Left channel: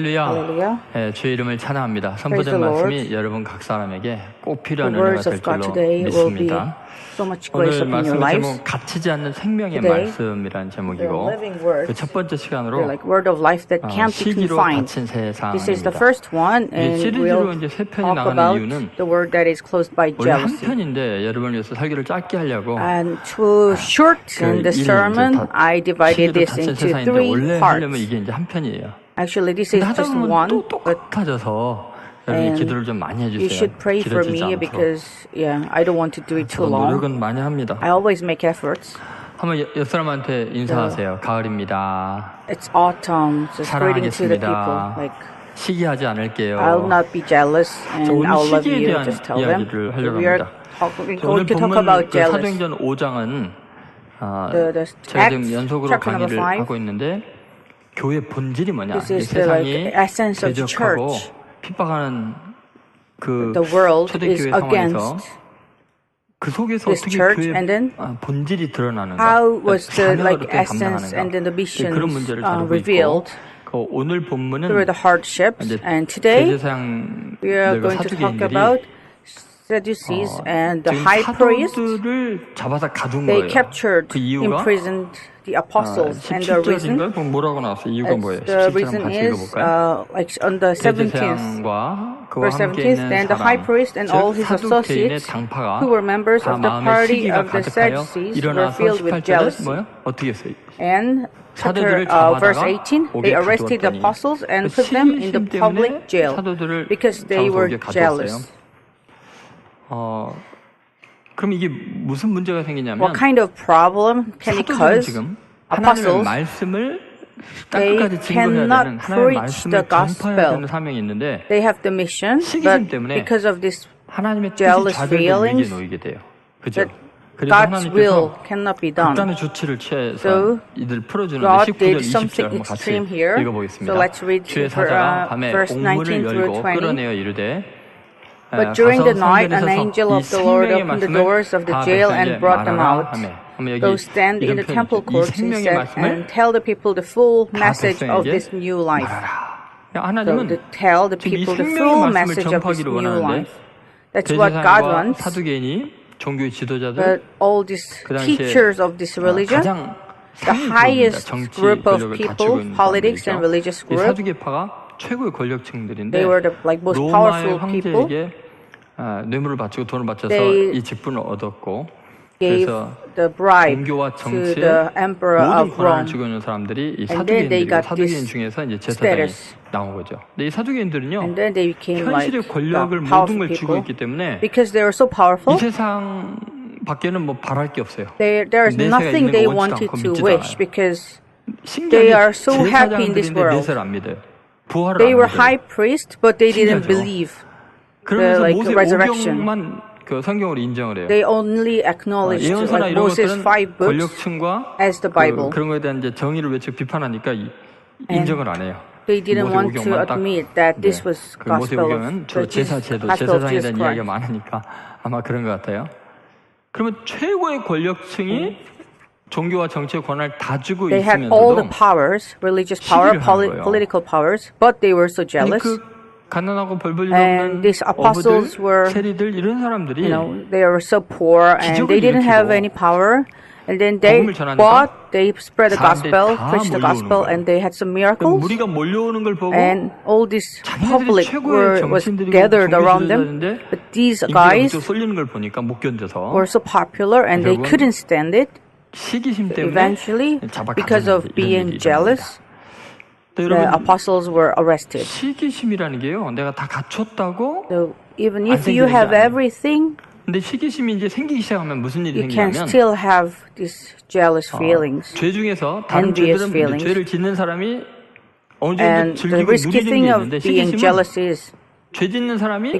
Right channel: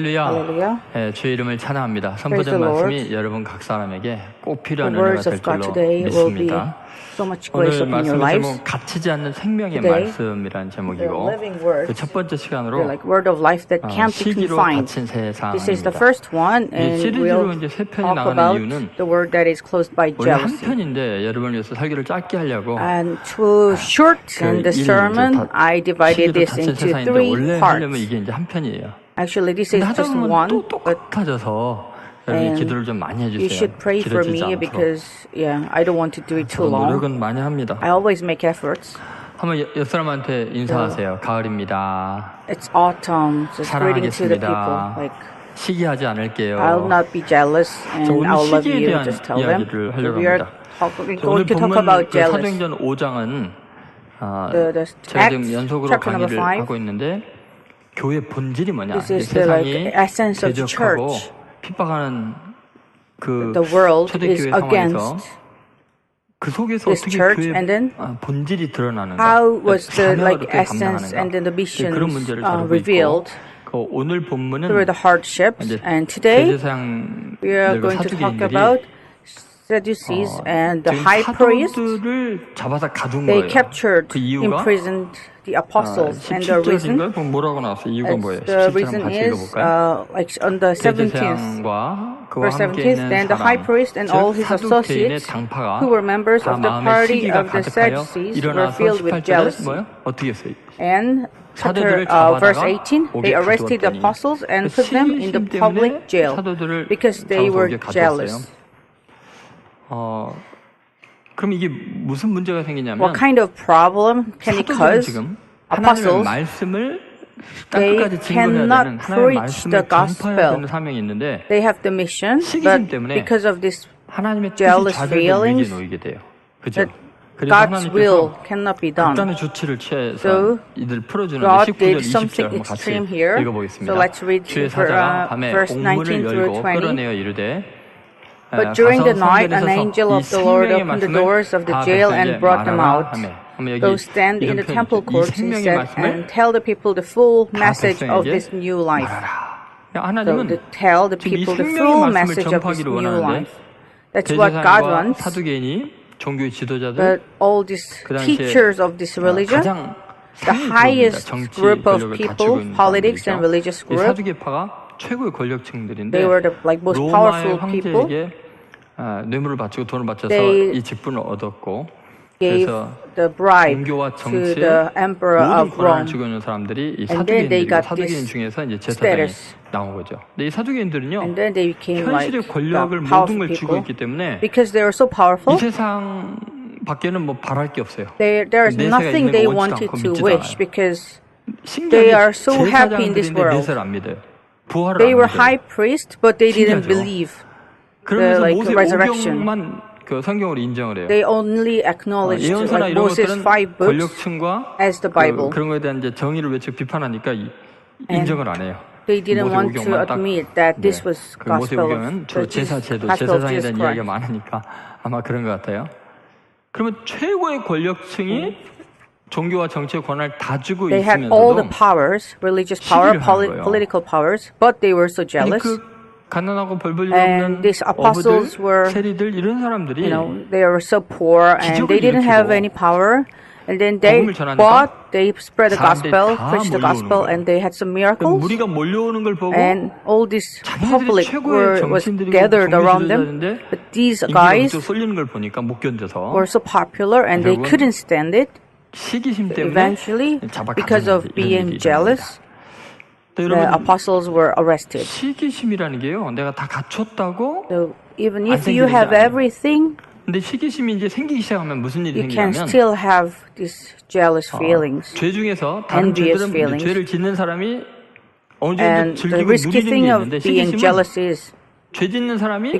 할렐루야. 주의 이름을 찬양합니다. 선포된 말씀이 여러분 각 사람에게 꼭 필요한 은혜가 될 줄로 믿습니다. 오늘 말씀의 제목은 갇히지 않는 생명의 말씀이라는 제목이고, 그 첫 번째 시간으로 시기로 닫힌 세상입니다. 이게 시리즈로 이제 3편이 나가는 이유는 원래 한 편인데 여러분을 위해서 설교를 짧게 하려고 이제 시기로 닫힌 세상인데 원래 하려면 이게 이제 한 편이에요. 근데 하다 보면 또 똑같아져서 여러분이 기도를 좀 많이 해주세요. 길어지지 않도록. 저도 노력은 많이 합니다. 한번 옆 사람한테 인사하세요. 가을입니다. 사랑하겠습니다. 시기하지 않을게요. 저 오늘 시기에 대한 이야기를 하려고 합니다. 오늘 본문 사도행전 5장은 제가 지금 연속으로 강의를 하고 있는데, 교회 본질이 뭐냐, 이게 세상이 대적하고 핍박하는 그 초대교회 상황에서 그 속에서 어떻게 교회 본질이 드러나는가, 사명을 어떻게 감당하는가, 그런 문제를 다루고 있고, 오늘 본문은 이제 대제사장들과 사두개인들이 지금 사도들을 잡아서 가둔 거예요. 그 이유가 17절인가요? 그럼 뭐라고 나왔어요? 이유가 뭐예요? 17절 한번 같이 읽어볼까요? 대제사장과 그와 함께 있는 사람, 즉 사두개인의 당파가 다 마음에 시기가 가득하여 일어나서 18절에 뭐예요? 어떻게 했어요? 사도들을 잡아다가 옥에 가두었더니, 시기심 때문에 사도들을 잡아서 옥에 가두었어요. 그럼 이게 무슨 문제가 생기냐면, 사도들은 지금 하나님의 말씀을 땅끝까지 증거해야 되는, 하나님의 말씀을 전파해야 되는 사명이 있는데, 시기심 때문에 하나님의 뜻이 좌절될 위기에 놓이게 돼요. 그죠? 그래서 하나님께서 극단의 조치를 취해서 이들을 풀어주는데, 19절, 20절 한번 같이 읽어보겠습니다. 주의 사자가 밤에 옥문을 열고 끌어내어 이르되, 가서 성전에 서서 이 생명의 말씀을 다 백성에게 말하라 하며, 그러면 여기 이런 표현이 있죠. 이 생명의 말씀을 다 백성에게 말하라. 하나님은 지금 이 생명의 말씀을 전파하기를 원하는데, 대제사장과 사두개인이 종교의 지도자들, 그 당시에 가장 상위 그룹입니다. 정치 권력을 다투고 있는 사람들이죠. 이 사두개파가 최고의 권력층들인데, 로마의 황제에게 뇌물을 바치고 돈을 바쳐서 이 직분을 얻었고, 그래서 종교와 정치에 모든 권한을 쥐고 있는 사람들이 이 사두개인들이고, 사두개인 중에서 이제 제사장이 나온 거죠. 근데 이 사두개인들은요, 현실의 권력을 모든 걸 쥐고 있기 때문에 이 세상 밖에는 뭐 바랄 게 없어요. 내세가 있는 거 원치도 않고 믿지도 않아요. 신기하게 제사장들인데 내세를 안 믿어요. 부활을 안 믿어요. 신기하죠? 그러면서 모세 오경만 성경으로 인정을 해요. 예언서나 이런 것들은 권력층과 그런 거에 대한 이제 정의를 외치고 비판하니까 인정을 안 해요. 모세 오경만 딱 이제, 모세 오경은 주로 제사제도, 제사장에 대한 이야기가 많으니까 아마 그런 것 같아요. 그러면 최고의 권력층이 종교와 정치의 권한을 다 주고 있으면서도 시기를 하는 거예요. 아니, 가난하고 별 볼 일 없는 어부들, 세리들, 이런 사람들이 기적을 일으키고 복음을 전하니까 사람들이 다 몰려오는 거예요. 무리가 몰려오는 걸 보고 자기네들이 최고의 정치인들이고 종교 지도자인데 인기가 그쪽으로 쏠리는 걸 보니까 못 견뎌서 결국은 시기심 때문에 잡아 가두는 이런 일이 일어납니다. 또 여러분, 시기심이라는 게요, 내가 다 갖췄다고 안 생기는 게 아니에요. 근데 시기심이 이제 생기기 시작하면 무슨 일이 생기냐면, 죄 중에서 다른 죄들은 이제 죄를 짓는 사람이 어느 정도 즐기고 누리는 게 있는데, 시기심은 죄 짓는 사람이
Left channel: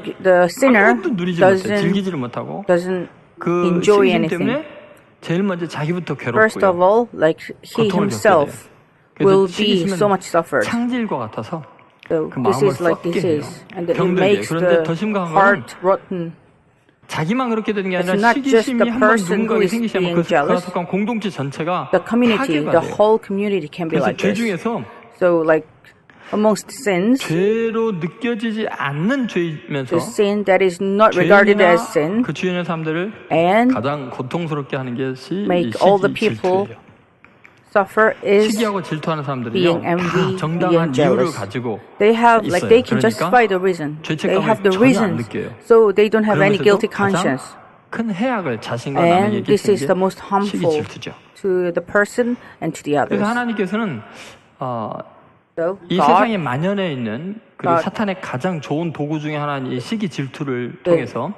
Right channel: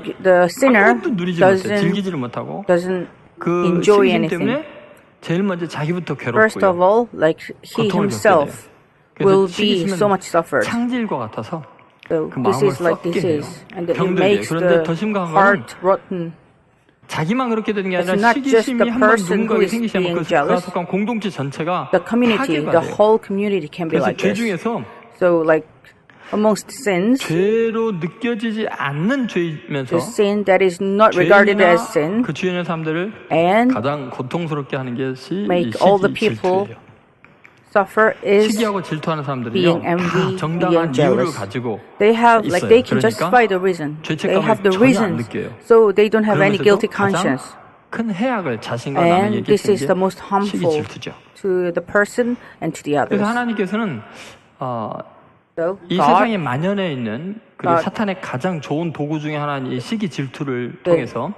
아무것도 누리지 못해, 즐기지를 못하고, 그 시기심 때문에 제일 먼저 자기부터 괴롭고요, 고통을 겪게 돼요. 그래서 시기심은 창질과 같아서 그 마음을 썩게 해요. 병들게 해요. 그런데 더 심각한 거는 자기만 그렇게 되는 게 아니라, 시기심이 한번 누군가에게 생기시면 그가 속한 공동체 전체가 파괴가 돼요. 그래서 죄 중에서 죄로 느껴지지 않는 죄이면서 죄인이나 그 주변의 사람들을 가장 고통스럽게 하는 것이 이 시기, 질투예요. 시기하고 질투하는 사람들은요, 다 정당한 이유를 가지고 있어요. 그러니까 죄책감을 전혀 안 느껴요. 그러면서도 가장 큰 해악을 자신과 남에게 끼치는 게 시기, 질투죠. 그래서 하나님께서는 이 세상에 만연해 있는, 그리고 사탄의 가장 좋은 도구 중에 하나인 이 시기, 질투를 통해서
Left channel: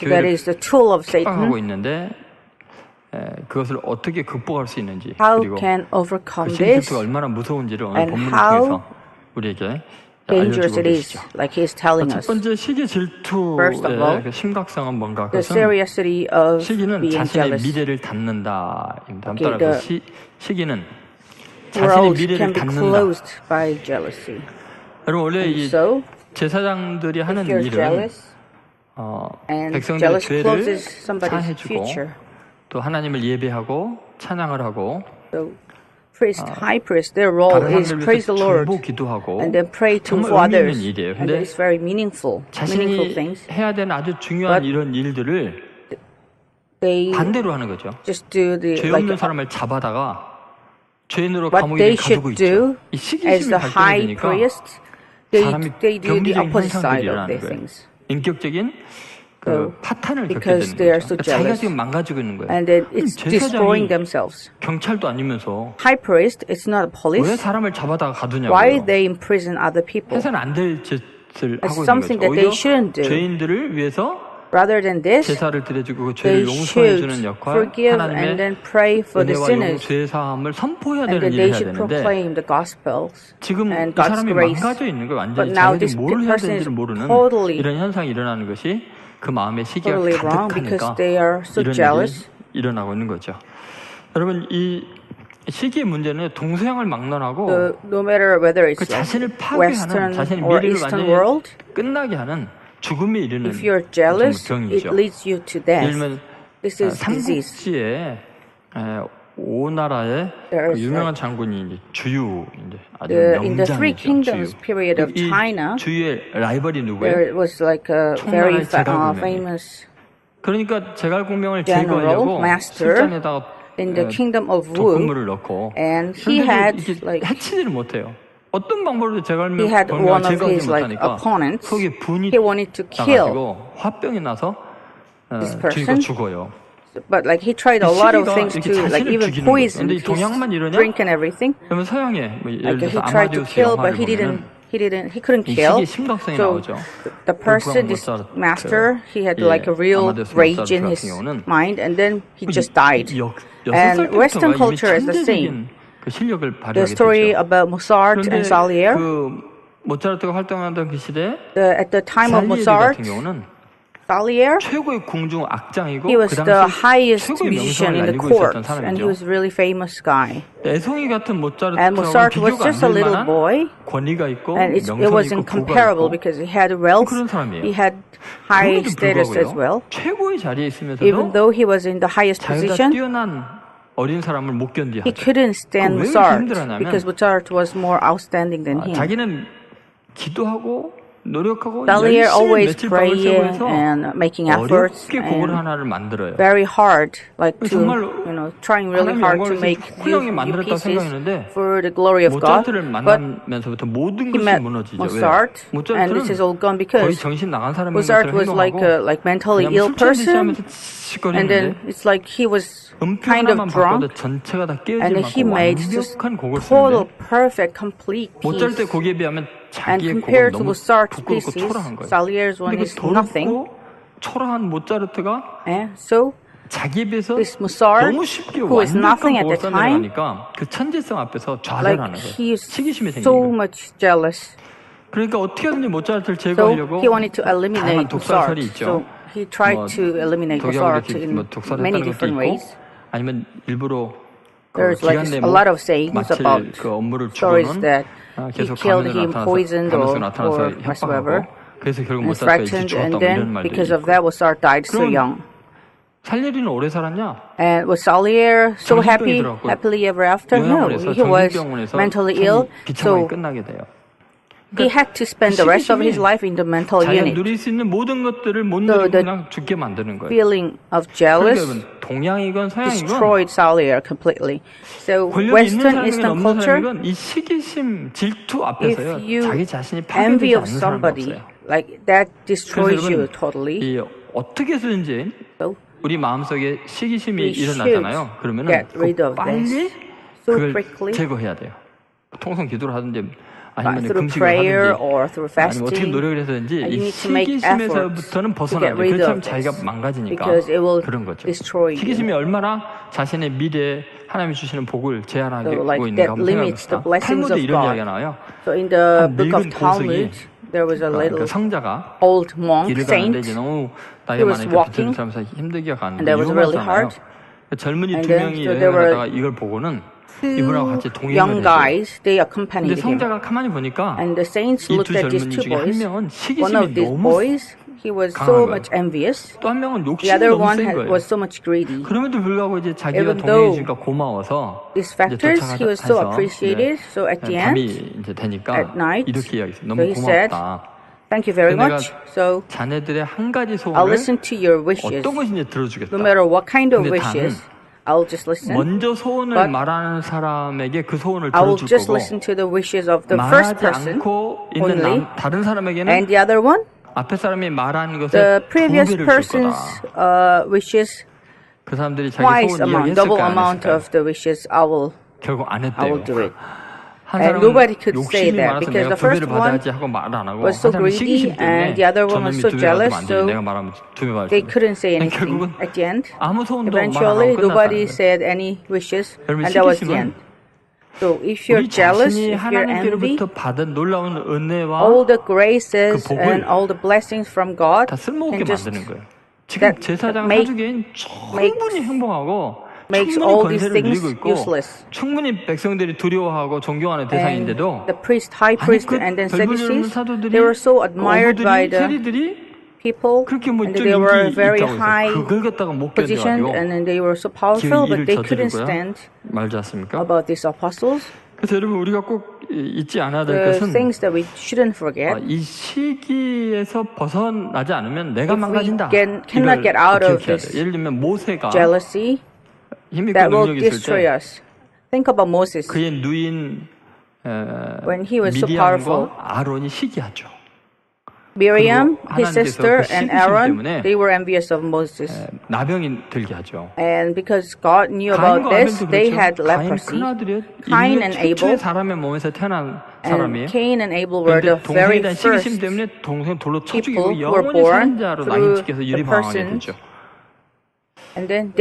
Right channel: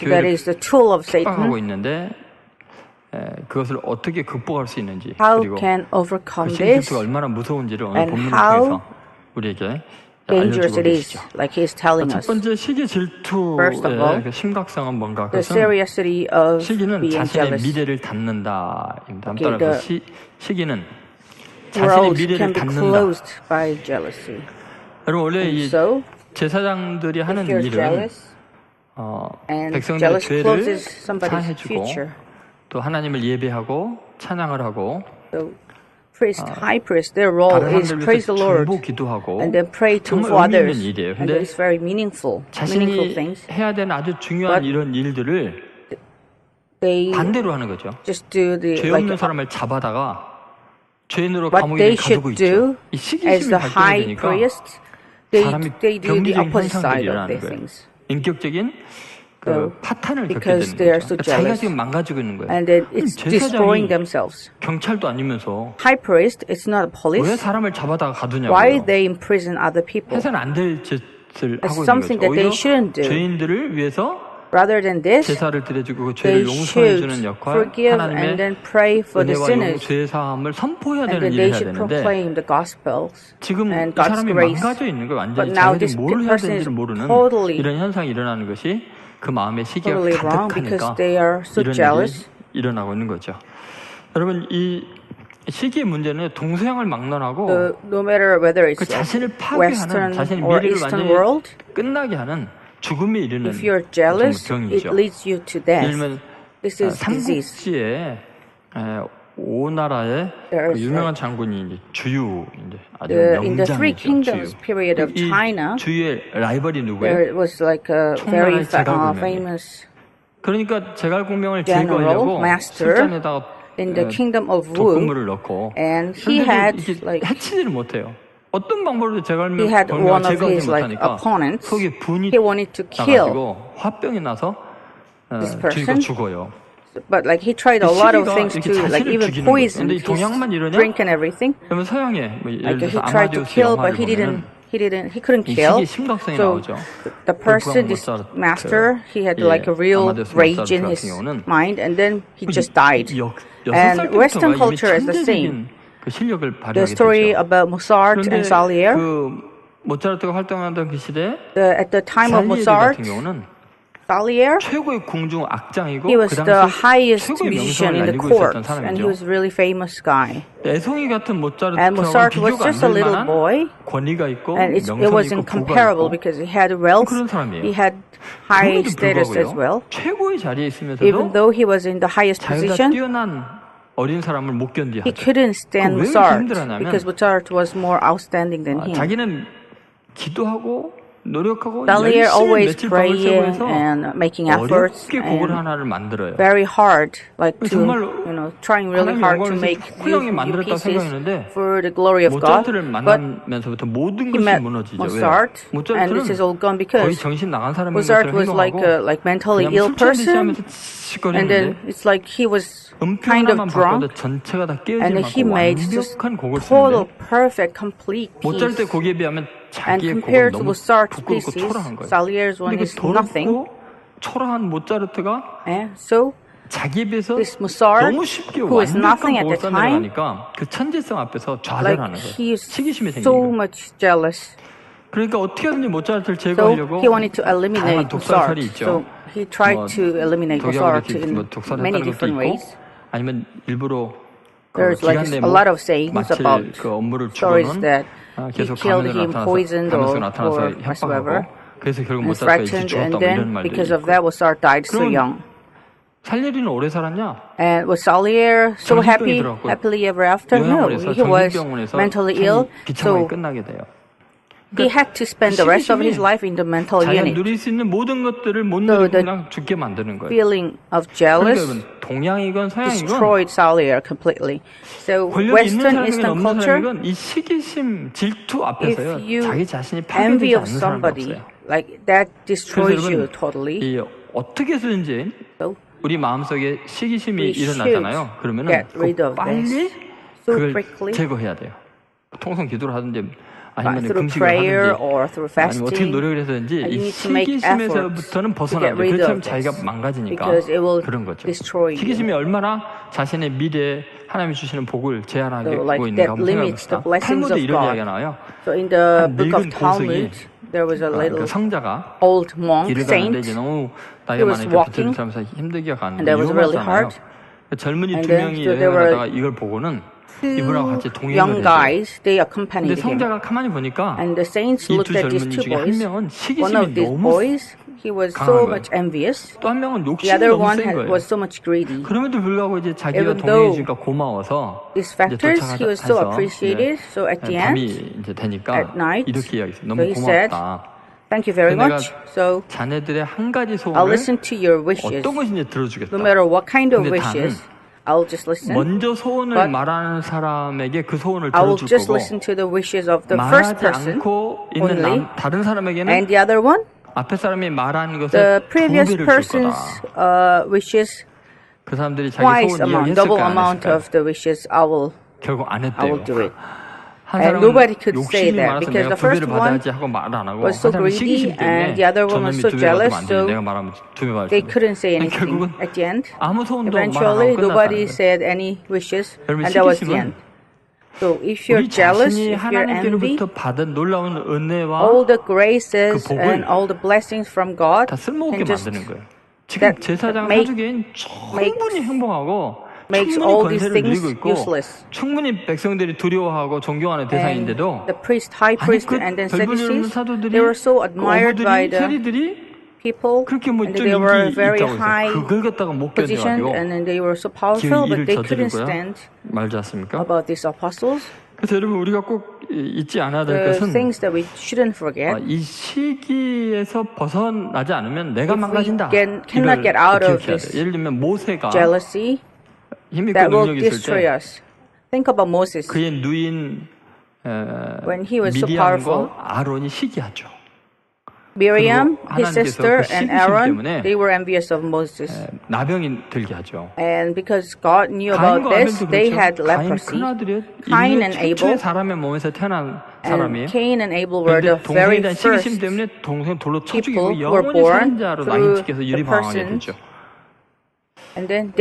교회를 핍박하고 있는데, 그것을 어떻게 극복할 수 있는지, 그리고 그 시기, 질투가 얼마나 무서운지를 오늘 본문을 통해서 우리에게 알려주고 계시죠. 첫 번째, 시기, 질투의 그 심각성은 뭔가? 그것은 시기는 자신의 미래를 닫는다. 다음 따라서 시기는 자신의 미래를 닫는다. 여러분, 원래 이 제사장들이 하는 일은 백성들의 죄를 사해주고 또 하나님을 예배하고 찬양을 하고 다른 사람들을 위해서 중보 기도하고 정말 의미 있는 일이에요. 근데 자신이 해야 되는 아주 중요한 이런 일들을 반대로 하는 거죠. 죄 없는 사람을 잡아다가 죄인으로 감옥에 가두고 있죠. 이 시기심이 발동이 되니까 사람이 병리적인 현상들이 일어나는 거예요. 인격적인 그 파탄을 겪게 되는 거죠. 그러니까 자기가 지금 망가지고 있는 거예요. 아니, 제사장이 경찰도 아니면서 왜 사람을 잡아다가 가두냐고요. 해서는 안 될 짓을 하고 있는 거죠. 오히려 죄인들을 위해서 제사를 드려주고 그 죄를 용서해주는 역할, 하나님의 은혜와 죄사함을 선포해야 되는 일을 해야 되는데 지금 이 사람이 망가져 있는 거예요. 완전히 자기가 지금 뭘 해야 되는지를 모르는 이런 현상이 일어나는 것이 그 마음에 시기가 가득하니까 이런 일이 일어나고 있는 거죠. 여러분, 이 시기의 문제는 동서양을 막론하고 그 자신을 파괴하는, 자신의 미래를 완전히 끝나게 하는 죽음에 이르는 정말 병이죠. 예를 들면 삼국지에 오나라의 그 유명한 장군이 이제 주유, 이제 아주 명장이죠. 주유. 이 주유의 라이벌이 누구예요? 총나라의 제갈공명이에요. 그러니까 제갈공명을 제거하려고 술잔에다가 독극물을 넣고, 그런데도 이게 해치지를 못해요. 어떤 방법으로도 제갈공명을 제거하지 못하니까 속에 분이 나가지고 화병이 나서 주유가 죽어요. 그 시기가 이렇게 자신을 죽이는 거죠. 그런데 이 동양만 이러냐? 그러면 서양에 예를 들어서 아마데우스 영화를 보면은 이 시기의 심각성이 나오죠. 볼프강 모차르트, 이 아마데우스 모차르트 같은 경우는 6살 때부터가 이미 천재적인 그 실력을 발휘하게 되죠. 그런데 그 모차르트가 활동하던 그 시대에 살리에리 같은 경우는 최고의 궁중 악장이고 그 당시에 최고의 명성을 날리고 있었던 사람이죠. 애송이 같은 모차르트하고는 비교가 안 될 만한 권위가 있고 명성이 있고 부가 있고 그런 사람이에요. 그럼에도 불구하고요, 최고의 자리에 있으면서도 자기보다 뛰어난 어린 사람을 못 견디하죠. 그 왜 그렇게 힘들어하냐면 자기는 기도하고 노력하고 열심히 며칠 밤을 새고 해서 어렵게 곡을 하나를 만들어요. 정말 하나님의 영광을 위해서 훌륭하게 만들었다고 생각했는데 모차르트를 만나면서부터 모든 것이 무너지죠. 왜요? 모차르트는 거의 정신 나간 사람인 것처럼 행동하고 그냥 술 취한 듯이 하면서 칙칙거렸는데 음표 하나만 바꿔도 전체가 다 깨어질 만큼 완벽한 곡을 쓰는데 모차르트의 곡에 비하면 자기의 곡은 너무 부끄럽고 초라한 거예요. 근데 그 더럽고 초라한 모차르트가 자기에 비해서 너무 쉽게 완벽한 곡을 써내려가니까 그 천재성 앞에서 좌절하는 거예요. 시기심이 생긴 거예요. 그러니까 어떻게 하든지 모차르트를 제거하려고 다양한 독살설이 있죠. 독약으로 이렇게 독살했다는 것도 있고, 아니면 일부러 그 기간 내에 못 마칠 그 업무를 주고는 계속 가면으로 나타나서 협박하고, 그래서 결국 모차르트가 일찍 죽었다 이런 말도 있고. 그러면 살리에리는 오래 살았냐? 정신병이 들어갔고 요양원에서 정신병원에서 생이 비참하게 끝나게 돼요. 그러니까 그 시기심이 자기가 누릴 수 있는 모든 것들을 못 누리고 그냥 죽게 만드는 거예요. 그러니까 여러분, 동양이건 서양이건 권력이 있는 사람이건 없는 사람이건 이 시기심, 질투 앞에서요, 자기 자신이 파괴되지 않는 사람이 없어요. 그래서 여러분, 어떻게 해서든지 우리 마음속에 시기심이 일어나잖아요. 그러면은 빨리 그걸 제거해야 돼요. 통성 기도를 하든지 아니면 금식을 하든지 아니면 어떻게 노력을 해서든지 이 시기심에서부터는 벗어나야 돼요. 그렇지 않으면 자기가 망가지니까 그런 거죠. 시기심이 얼마나 자신의 미래에 하나님이 주시는 복을 제한하고 있는가 한번 생각해 봅시다. 탈무드에 이런 이야기가 나와요. 한 늙은 고승이, 그러니까 성자가 길을 가는데 이제 너무 나이가 많으니까 비틀비틀하면서 힘들게 가는데 위험하잖아요. 젊은이 2명이 여행을 하다가 이걸 보고는 이분하고 같이 동행을 해줘요. 근데 성자가 가만히 보니까 이 2 젊은이 중에 한 명은 시기심이 너무 강한 거예요. 또 한 명은 욕심이 너무 센 거예요. 그럼에도 불구하고 이제 자기와 동행해 주니까 고마워서 이제 도착해서 이제 밤이 이제 되니까 이렇게 이야기했어요. 너무 고맙다. 그래서 내가 자네들의 한 가지 소원을 어떤 것인지 들어주겠다. 근데 단 먼저 소원을 말하는 사람에게 그 소원을 들어줄 거고 말하지 않고 있는 다른 사람에게는 앞에 사람이 말한 것의 2배를 줄 거다. 그 사람들이 자기 소원 이야기했을까요? 안 했을까요? 결국 안 했대요. 한 사람은 욕심이 많아서 내가 2배를 받아야지 하고 말 안 하고, 한 사람은 시기심 때문에 저놈이 2배 받으면 안 되지, 내가 말하면 2배 받을 텐데, 결국은 아무 소원도 말 안 하고 끝났다는 거예요. 여러분, 시기심은 우리 자신이 하나님께로부터 받은 놀라운 은혜와 그 복을 다 쓸모없게 만드는 거예요. 지금 제사장 사두개인 충분히 행복하고 충분히 권세를 누리고 있고 충분히 백성들이 두려워하고 존경하는 대상인데도, 아니 그 별볼일 없는 사도들이, 그 어부들이, 세리들이 그렇게 뭐 좀 인기 있다고 해서 그걸 갖다가 못 견뎌가지고 기어이 일을 저지르고야 말지 않습니까? 그래서 여러분, 우리가 꼭 잊지 않아야 될 것은 이 시기에서 벗어나지 않으면 내가 망가진다. 이걸 꼭 기억해야 돼요. 예를 들면 모세가 힘있고 능력이 있을 때 그의 누인 미디암과 아론이 시기하죠. 그리고 하나님께서 그 시기심 때문에 나병이 들게 하죠. 가인과 아벨도 그렇죠. 가인 큰아들이 인류의 최초의 사람의 몸에서 태어난 사람이에요. 그런데 동생에 대한 시기심 때문에 동생 돌로 쳐 죽이고 영원히 살인자로 낙인 찍혀서 유리방황하게 되죠.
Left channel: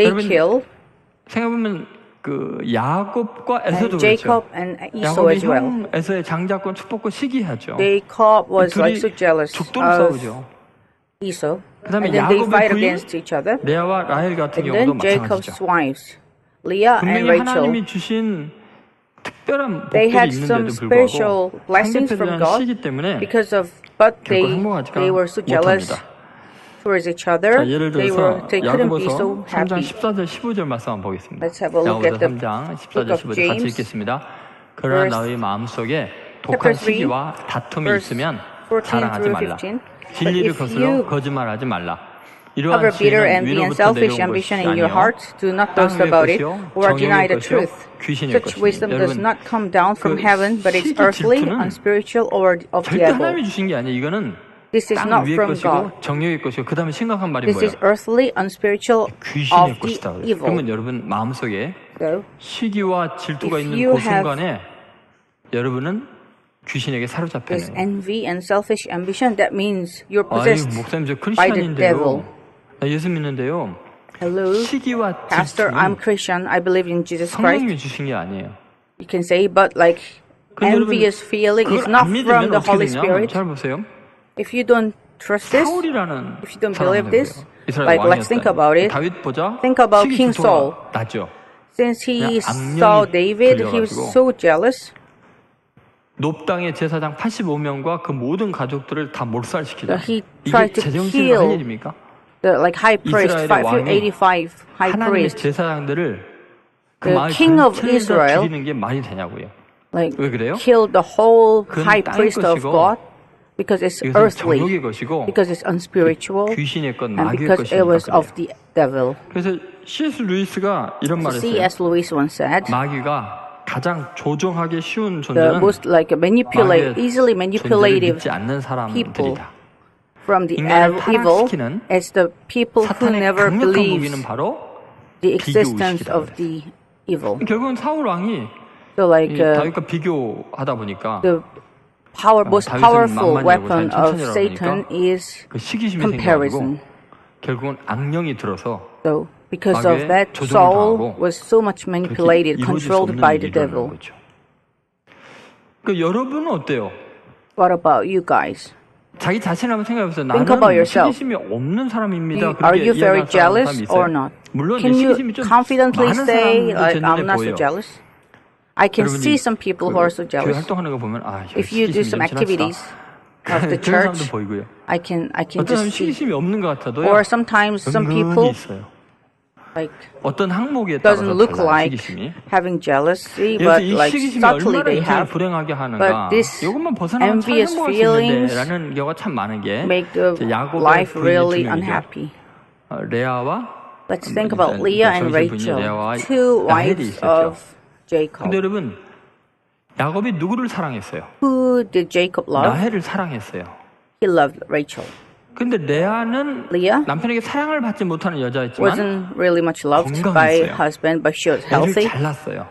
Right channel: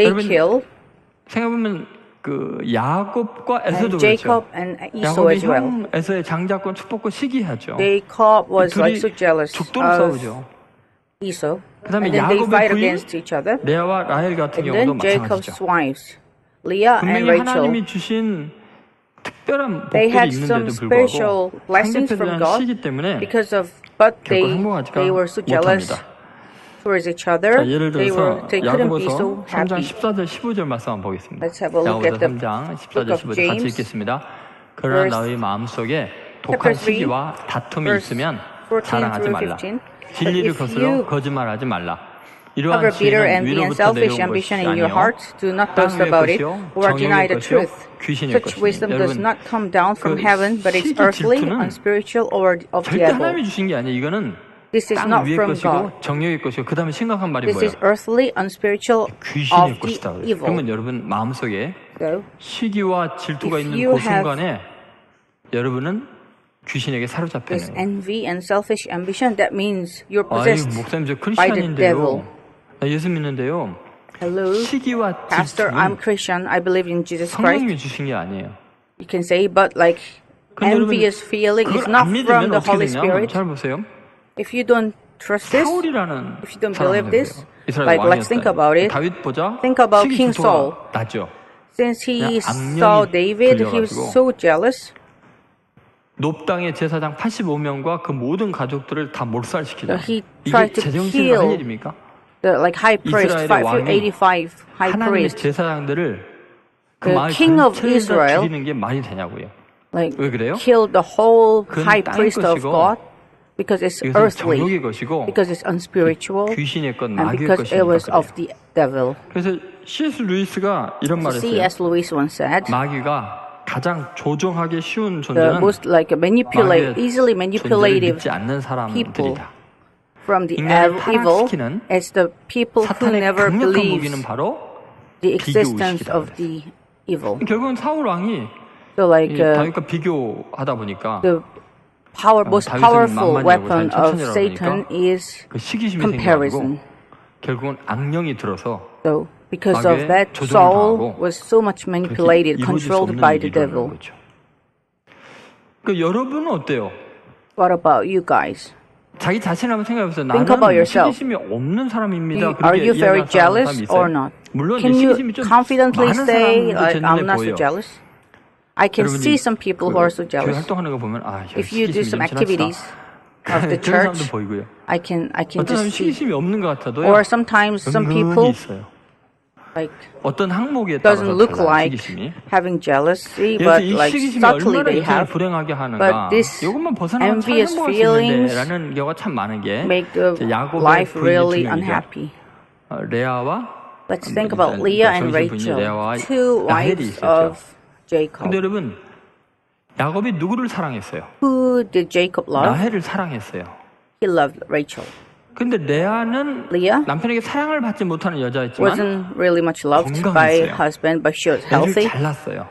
여러분, 생각해보면 그 야곱과 에서도 그렇죠. 야곱이 형 에서의 장자권 축복권 시기하죠. 둘이 죽도록 싸우죠. 그 다음에 야곱의 부인 레아와 라헬 같은 경우도 마찬가지죠. 분명히 하나님이 주신 특별한 복들이 있는데도 불구하고 상대편에 대한 시기 때문에 결코 행복하지가 못합니다. 자, 예를 들어서 야고보서 3장 14절 15절 말씀 한번 보겠습니다. 야고보서 3장 14절 15절 같이 읽겠습니다. 그러나 너희 마음속에 독한 시기와 다툼이 있으면 자랑하지 말라. 진리를 거슬러 거짓말하지 말라. 이러한 지혜는 위로부터 내려온 것이 아니요 땅 위의 것이요 정욕의 것이요 귀신의 것이니. 여러분, 그 시기 질투는 절대 하나님이 주신 게 아니에요. 이거는 땅 위의 것이고 정욕의 것이고, 그 다음에 심각한 말이 뭐예요? 귀신의 것이다 그랬어요. 그러면 여러분 마음속에 시기와 질투가 있는 그 순간에 여러분은 귀신에게 사로잡혀 있는 거예요. 아유, 목사님 저 크리스찬인데요, 나 예수 믿는데요. 시기와 질투는 성령님이 주신 게 아니에요. 그런데 여러분, 그걸 안 믿으면 어떻게 되냐 하면 잘 보세요. 사울이라는 사람을 해보세요. 이스라엘 왕이었다는. 다윗 보자 시기 질투가 나죠. 그냥 악령이 들려가지고 놉당의 제사장 85명과 그 모든 가족들을 다 몰살시키잖아요. 이게 제정신으로 할 일입니까? 이스라엘의 왕이 하나님의 제사장들을, 그 마을 전체를 다 죽이는 게 말이 되냐고요. 왜 그래요? 그건 땅의 것이고 이것은 정욕의 것이고 귀신의 것, 마귀의 것이니까 그래요. 그래서 C.S. 루이스가 이런 말을 했어요. 마귀가 가장 조종하기 쉬운 존재는 마귀의 존재를 믿지 않는 사람들이다. 인간을 타락시키는 사탄의 강력한 무기는 바로 비교의식이다 그랬어요. 결국은 사울 왕이 다윗과 비교하다 보니까 다윗은 만만이라고 자기는 천천히라고 그러니까 그 시기심이 생겨가지고 결국은 악령이 들어서 마귀의 조종을 당하고 그렇게 이루어질 수 없는 일이 일어나는 거죠. 그러니까 여러분은 어때요? 자기 자신을 한번 생각해보세요. 나는 시기심이 없는 사람입니다. 그렇게 이야기하는 사람이 있어요? 물론 이제 시기심이 좀 많은 사람도 제 눈에 보여요. 여러분이 그 교회 활동하는 거 보면 시기심이 좀 지나치다. 그런 사람도 보이고요. 어떤 사람이 시기심이 없는 것 같아도요. 은근히 있어요. 어떤 항목에 따라서 달라요. 시기심이. 예를 들어 이 시기심이 얼마나 인생을 불행하게 하는가. 이것만 벗어나면 참 행복할 수 있는데 라는 경우가 참 많은 게 야곱의 부인이 두 명이죠. 레아와 일단 그 정실 부인이 레아와 라헬이 있었죠. 근데 여러분 야곱이 누구를 사랑했어요? 라헬을 사랑했어요. 근데 레아는 남편에게 사랑을 받지 못하는 여자였지만 건강했어요. 애를 잘 낳았어요.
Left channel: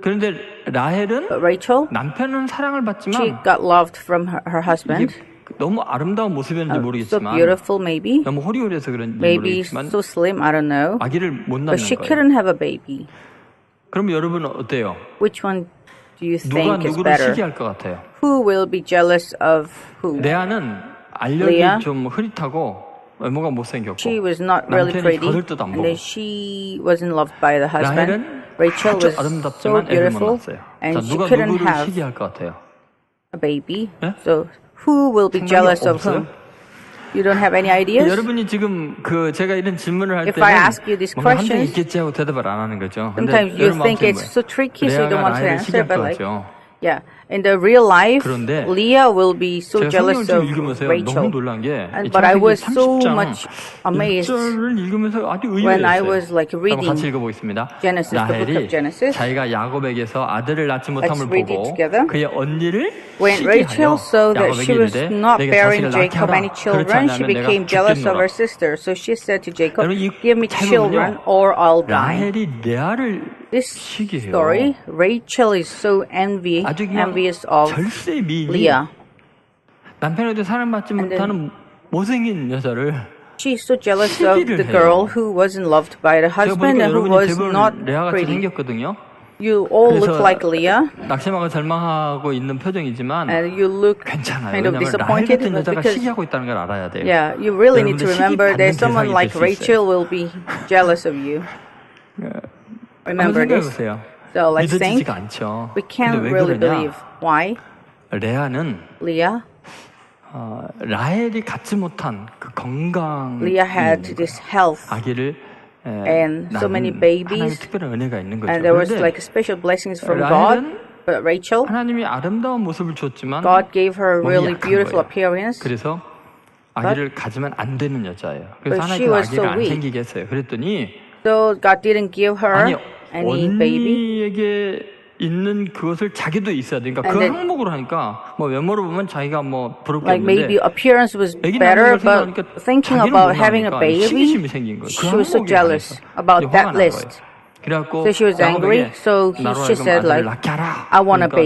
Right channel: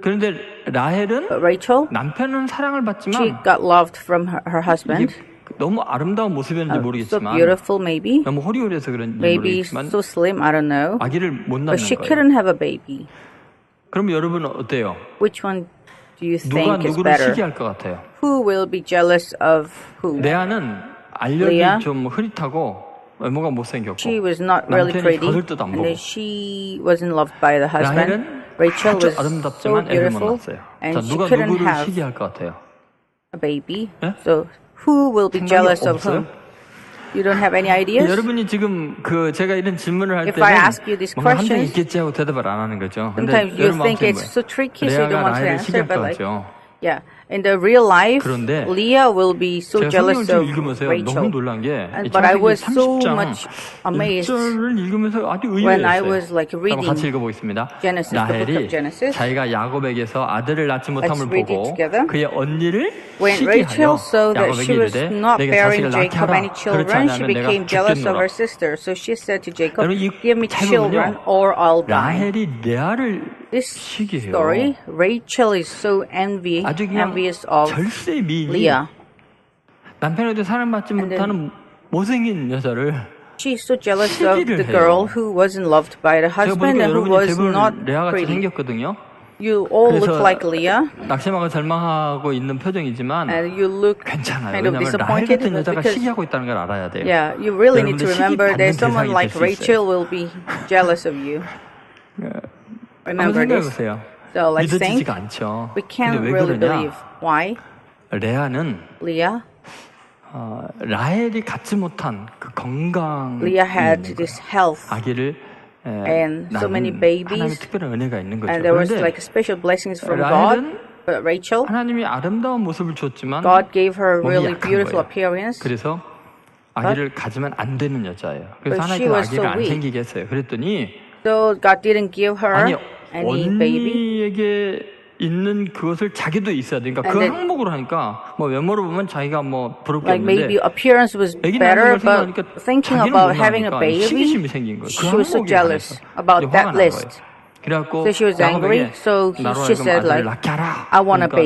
그런데 라헬은 남편은 사랑을 받지만 이게 너무 아름다운 모습이었는지 모르겠지만 너무 호리호리해서 그런지 모르겠지만 아기를 못 낳는 거예요. 그럼 여러분은 어때요? 누가 누구를 시기할 것 같아요? 레아는 알력이 좀 흐릿하고 외모가 못생겼고 남편이 거들떠도 안 보고 라헬은 아주 아름답지만 애를 못 낳았어요. 자, 누가 누구를 시기할 것 같아요? 예? 생각이 없어요? 여러분이 지금 제가 이런 질문을 할 때는 뭔가 함정이 있겠지 하고 대답을 안 하는 거죠. 근데 여러분 마음속에 뭐예요? 레아가 라헬을 시기할 것 같죠. 그런데 제가 성경을 쭉 읽으면서요 너무 놀란 게 창세기 30장 1절을 읽으면서 아주 의외였어요. 자, 한번 같이 읽어보겠습니다. 라헬이 자기가 야곱에게서 아들을 낳지 못함을 보고 그의 언니를 시기하여 야곱에게 이르되 내게 자식을 낳게 하라. 그렇지 않으면 내가 죽겠노라. 여러분 잘 보면요 라헬이 레아를 시기해요. 아주 그냥 절세 미인이 남편에게 사랑받지 못하는 못생긴 여자를 시기를 해요. 제가 보니까 여러분이 대부분 레아같이 생겼거든요. 그래서 낙심하고 절망하고 있는 표정이지만 괜찮아요. 왜냐하면 라헬 같은 여자가 시기하고 있다는 걸 알아야 돼요. 여러분들 시기 받는 대상이 될 수 있어요. 한번 생각해보세요. 믿어지지가 않죠. 근데 왜 그러냐? 레아는 라헬이 갖지 못한 그 건강이 있는 거예요. 아기를 낳는 하나님의 특별한 은혜가 있는 거죠. 그런데 라헬은 하나님이 아름다운 모습을 줬지만 몸이 약한 거예요. 그래서 아기를 가지면 안 되는 여자예요. 그래서 하나님께서 아기를 안 생기게 했어요. 그랬더니 아니 언니에게 있는 그것을 자기도 있어야 돼. 그러니까 그 항목으로 하니까 뭐 외모로 보면 자기가 뭐 부러울 게 없는데 아기 낳는 걸 생각하니까 자기는 못 낳으니까 시기심이 생긴 거예요. 그 항목에 관해서 이제 화가 난 거예요. 그래갖고 야곱에게 나로 하여금 아들을 낳게 하라. 그러니까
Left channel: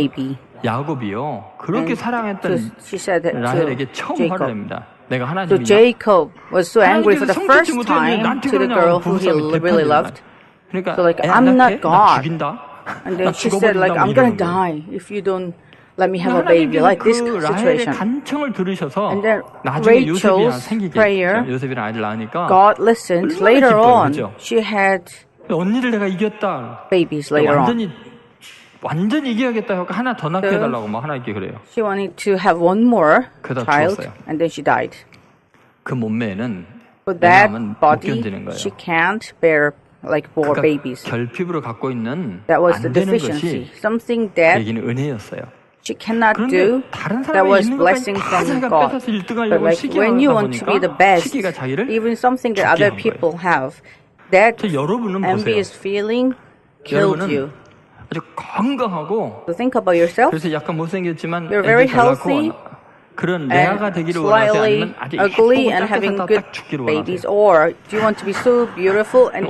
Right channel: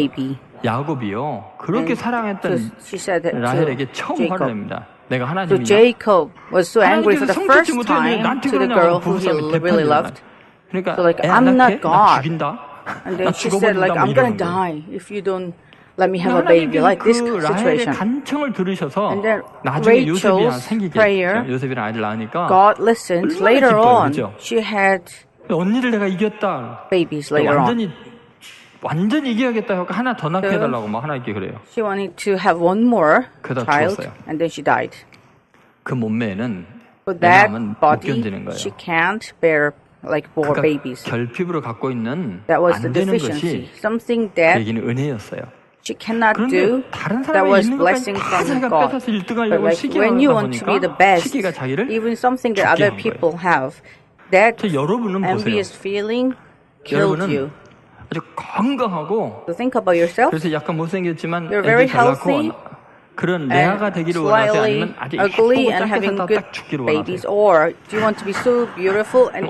야곱이요 그렇게 사랑했던 라헬에게 처음 화를 냅니다. 내가 하나님이냐? 하나님께서 성취지 못하게 왜 나한테 그러냐고 부부싸움이 대판이 일어나요. 그러니까 애 안 낳게? 나 죽인다? 나 죽어버린다? 막 이러는 거예요. 그러니까 하나님께서 그 라헬의 간청을 들으셔서 나중에 요셉이 생기게 했죠. 요셉이랑 아이를 낳으니까 얼마나 기뻐요. 그죠? 언니를 내가 이겼다. 완전히 이겨야겠다 하고 하나 더 낳게 해달라고 막 하나님께 그래요. 그러다 죽었어요. 그 몸매에는 애 낳으면 못 견디는 거예요. 그가 결핍으로 갖고 있는 안 되는 것이 그 얘기는 은혜였어요. 그런데 다른 사람에게 있는 것까지 다 자기가 뺏어서 1등하려고 시기하다 보니까 시기가 자기를 죽게 한 거예요. 여러분은 보세요. 여러분은 아주 건강하고 그래서 약간 못생겼지만 애도 잘 낳고 그런 레아가 되기를 원하세요? 아니면 아주 예쁘고 짧게 살다가 딱 죽기를 원하세요?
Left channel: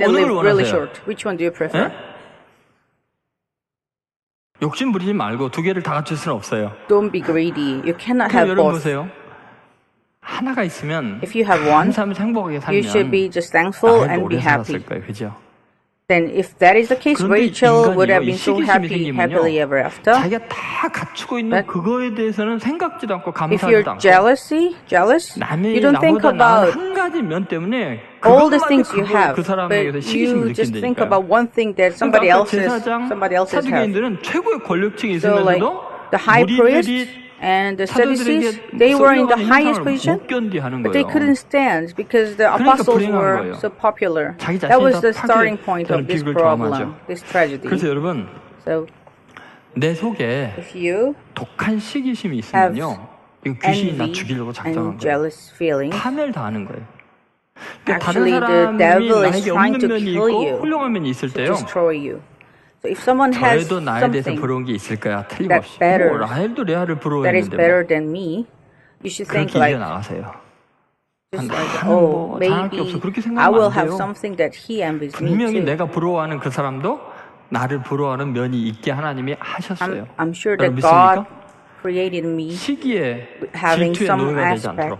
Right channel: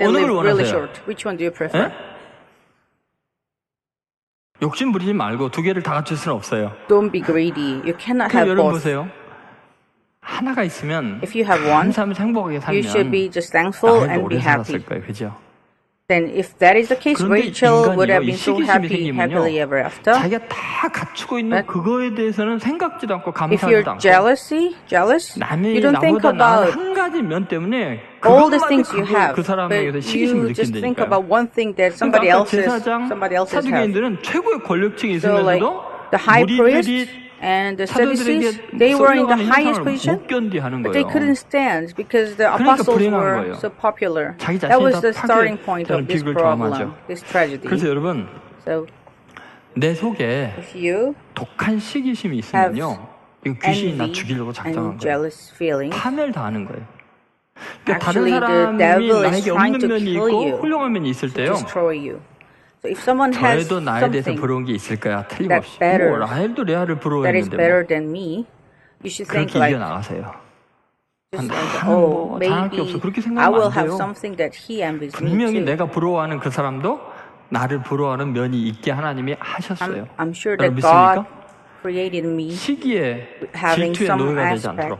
어느 걸 원하세요? 예? 욕심 부리지 말고 두 개를 다 갖출 수는 없어요. 그럼 여러분 보세요. 하나가 있으면 감사하면서 행복하게 살면 라헬도 오래 살았을 거예요. 그죠? 그런데 인간이요, 이 시기심이 생기면요, 자기가 다 갖추고 있는 그거에 대해서는 생각지도 않고 감사하지도 않고 남이 나보다 나은 한 가지 면 때문에 그것마저 그 사람에게서 시기심을 느낀다니까요. 그러니까 아까 제사장 사두개인들은 최고의 권력층에 있으면서도 무리들이 사도들에게 쏠려가는 현상을 못 견디하는 거예요. 그러니까 불행한 거예요. 자기 자신이 다 파괴되는 비극을 경험하죠. 그래서 여러분, 내 속에 독한 시기심이 있으면요, 이거 귀신이 나 죽이려고 작정한 거예요. 파멸 당하는 거예요. 그러니까 다른 사람이 나에게 없는 면이 있고 훌륭한 면이 있을 때요, 저에도 나에 대해서 부러운 게 있을 거야. 틀림없이. 뭐 라헬도 레아를 부러워했는데 뭐 그렇게 이겨나가세요. 나는 뭐 잘할 게 없어, 그렇게 생각하면 안 돼요. 분명히 내가 부러워하는 그 사람도 나를 부러워하는 면이 있게 하나님이 하셨어요. 여러분 믿습니까? 시기에 질투의 노예가 되지 않도록.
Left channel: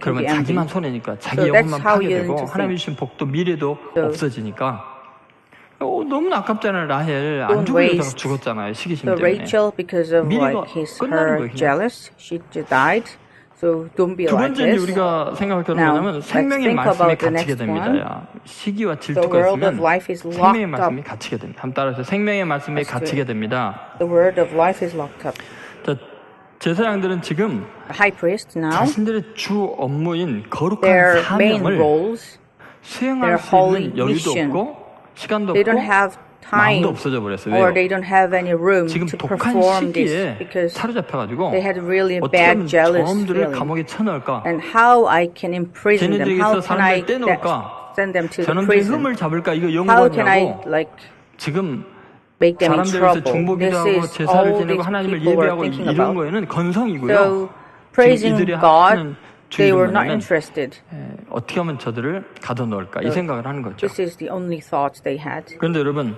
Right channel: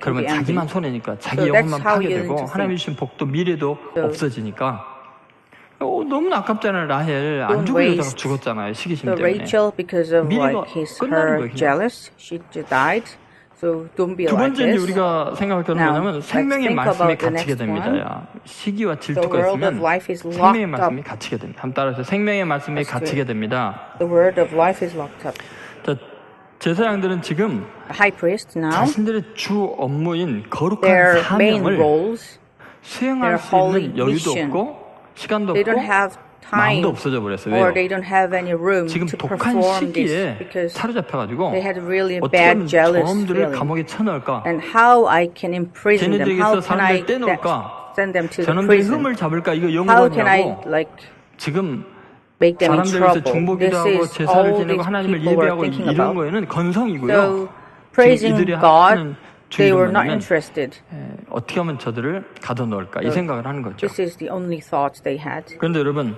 그러면 자기만 손해니까, 자기 영혼만 파괴되고 하나님이 주신 복도 미래도 없어지니까. 너무 아깝잖아요. 라헬 안 죽을 여자가 죽었잖아요. 시기심 때문에. 미래가 끝나는 거예요. 그냥. 두 번째 이제 우리가 생각할 것은 뭐냐면 생명의 말씀이 갇히게 됩니다. 야. 시기와 질투가 있으면 생명의 말씀이 갇히게 됩니다. 한번 따라서 생명의 말씀이 갇히게 됩니다. 자, 제사장들은 지금 자신들의 주 업무인 거룩한 사명을 수행할 수 있는 여유도 없고 시간도 없고 마음도 없어져 버렸어요. 왜요? 지금 독한 시기에 사로잡혀가지고 어떻게 하면 저놈들을 감옥에 쳐넣을까? 쟤네들에게서 사람들을 떼놓을까? 저놈들의 흠을 잡을까? 이거 연구하느라고 지금 사람들에게서 중보기도 하고 제사를 지내고 하나님을 예배하고 이런 거에는 건성이고요. 지금 이들이 하는 주 일은 뭐냐면 어떻게 하면 저들을 가둬놓을까? 이 생각을 하는 거죠. 그런데 여러분,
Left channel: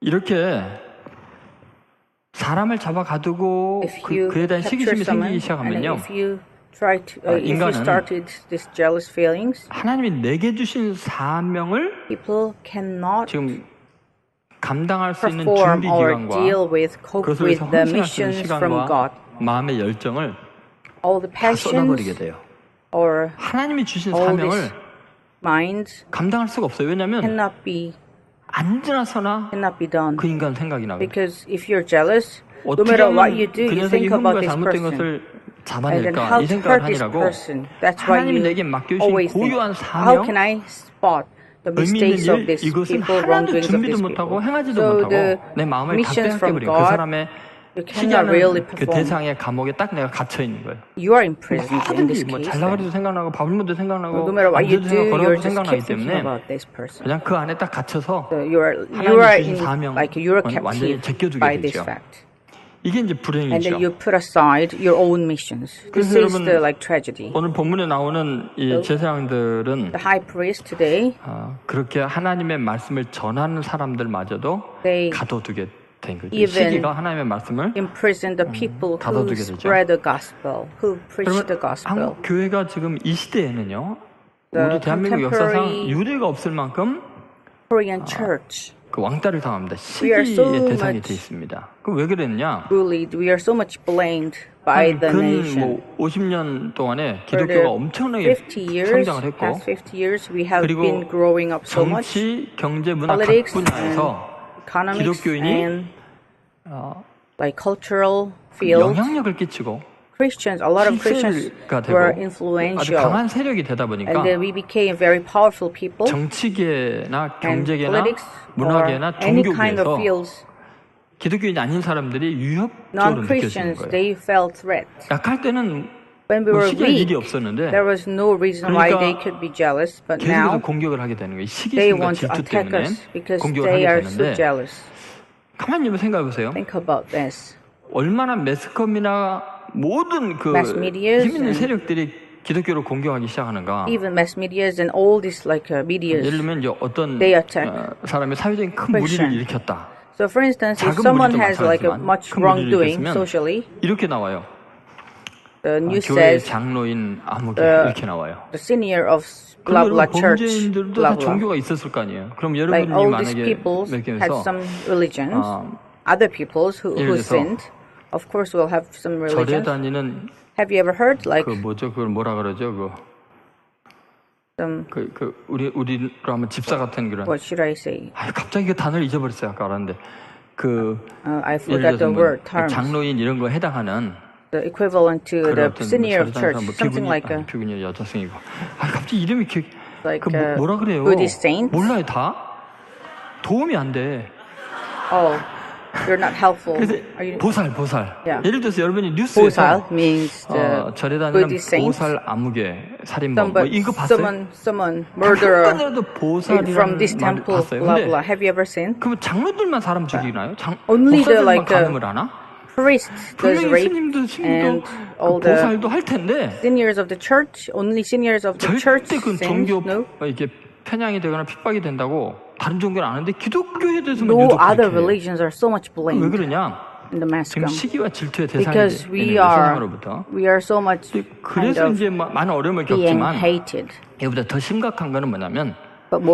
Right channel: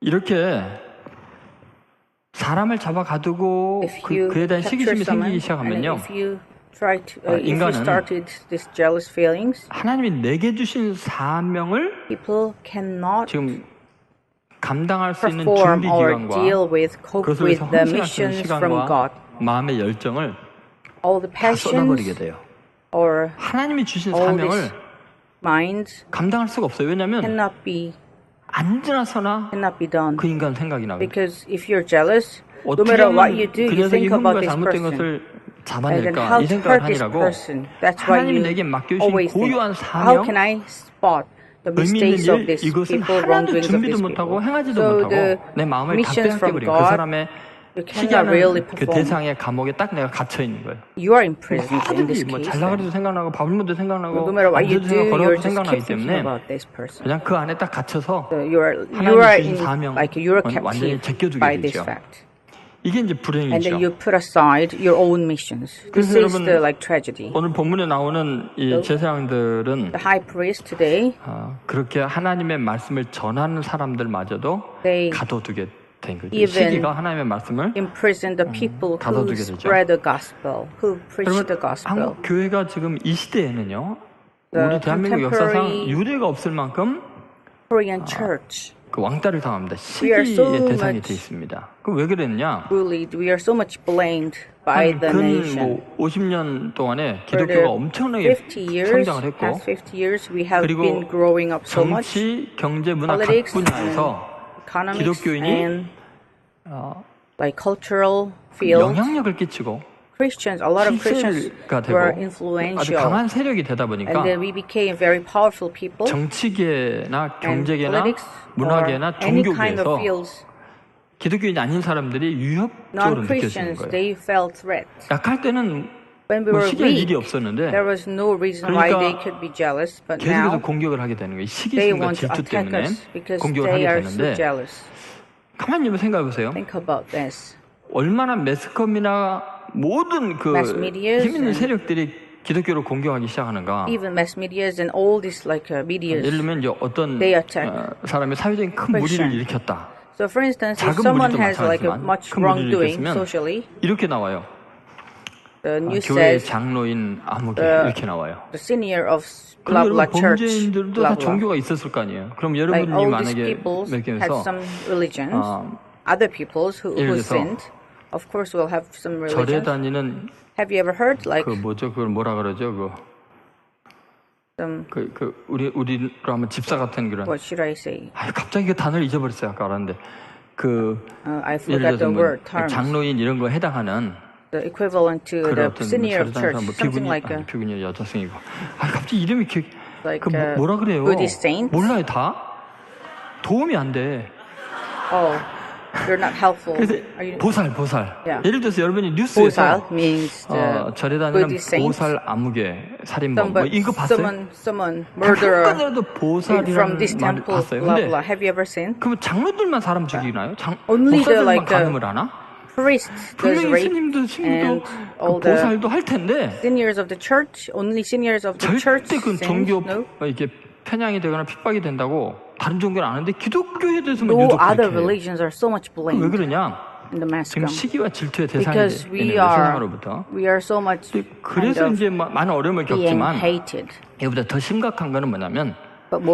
이렇게 사람을 잡아 가두고 그에 대한 시기심이 생기기 시작하면요, 인간은 하나님이 내게 주신 사명을 지금 감당할 수 있는 준비 기간과 그것을 위해서 헌신할 수 있는 시간과 마음의 열정을 다 쏟아버리게 돼요. 하나님이 주신 사명을 감당할 수가 없어요. 왜냐하면 앉으나 서나 그 인간 생각이 나거든요. 어떻게 하면 그 녀석이 흠과 잘못된 것을 잡아낼까 이 생각을 하니라고 하나님이 내게 맡겨주신 고유한 사명, 의미 있는 일, 이것은 하나도 준비도 못하고 행하지도 못하고 내 마음을 다 빼앗겨버려요. 그 사람의 시기하는 그 대상의 감옥에 딱 내가 갇혀있는 거예요. 뭐든지 뭐 잘 나가려도 생각나고 밥을 먹어도 생각나고 앉아도 생각, 걸어가도 생각나기 때문에 그냥 그 안에 딱 갇혀서 하나님이 주신 사명은 완전히 제껴두게 되죠. 이게 이제 불행이죠. 그래서 여러분, 오늘 본문에 나오는 이 제사장들은 그렇게 하나님의 말씀을 전하는 사람들마저도 가둬두게 된 거죠. 시기가 하나님의 말씀을 가둬두게 되죠. 여러분, 한국 교회가 지금 이 시대에는요, 우리 대한민국 역사상 유례가 없을 만큼 그 왕따를 당합니다. 시기의 대상이 되어 있습니다. 그럼 왜 그랬냐? 한 근 50년 동안에 기독교가 엄청나게 성장을 했고, 그리고 정치, 경제, 문화 각 분야에서 기독교인이 영향력을 끼치고 실세가 되고 아주 강한 세력이 되다 보니까 정치계나 경제계나 문화계나 종교계에서 기독교인이 아닌 사람들이 위협적으로 느껴지는 거예요. 약할 때는 뭐 시기할 일이 없었는데, 그러니까 계속해서 공격을 하게 되는 거예요. 시기심과 질투 때문에 공격을 하게 되는데, 가만히 좀 생각해 보세요. 얼마나 매스컴이나 모든 그 힘 있는 세력들이 기독교를 공격하기 시작하는가. 예를 들면 이제 어떤 사람이 사회적인 큰 무리를 일으켰다. 작은 무리도 마찬가지지만 큰 무리를 일으켰으면 이렇게 나와요. 교회 장로인 아무개 이렇게 나와요. 그럼 여러분, 범죄인들도 다 종교가 있었을 거 아니에요. 그럼 여러분이 만약에 몇 개에서 예를 들어서 절에 다니는 그 뭐죠? 그걸 뭐라 그러죠? 우리로 하면 집사 같은 그런. 갑자기 그 단어를 잊어버렸어요. 아까 알았는데 예를 들어서 뭐 장로인 이런 거에 해당하는 그런 어떤 뭐 절에 다니는 사람, 뭐 비구니 여자성이고. 갑자기 이름이 뭐라 그래요? 몰라요 다? 도움이 안 돼. 그래서 보살. 예를 들어서 여러분이 뉴스에서 절에 다니는 보살 아무개 살인범 뭐 이거 봤어요? 단 한 건이라도 보살이라는 말을 봤어요. 근데 그러면 장로들만 사람 죽이나요? 목사들만 간음을 하나? 분명히 스님도 신부도 그 보살도 할 텐데 절대 그 종교 이렇게 편향이 되거나 핍박이 된다고 다른 종교는 안 하는데 기독교에 대해서만 유독 그렇게 해요. 왜 그러냐? 지금 시기와 질투의 대상이 되는 거예요, 세상으로부터. 근데 그래서 이제 많은 어려움을 겪지만 이보다 더 심각한 거는 뭐냐면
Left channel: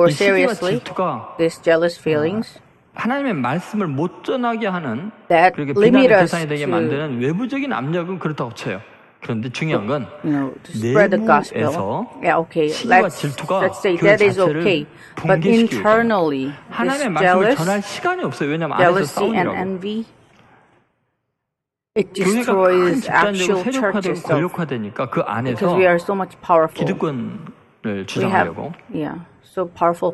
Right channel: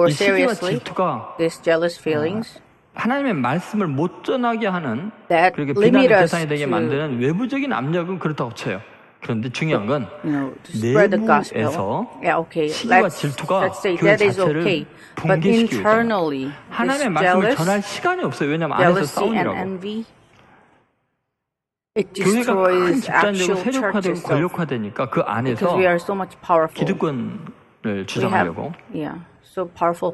이 시기와 질투가 하나님의 말씀을 못 전하게 하는, 그렇게 비난의 대상이 되게 만드는 외부적인 압력은 그렇다고 쳐요. 그런데 중요한 건 내부에서 시기와 질투가 교회 자체를 붕괴시키고 있다는 거예요. 하나님의 말씀을 전할 시간이 없어요. 왜냐하면 안에서 싸우니라고. 교회가 큰 집단적으로 세력화되고 권력화되니까 그 안에서 기득권을 주장하려고,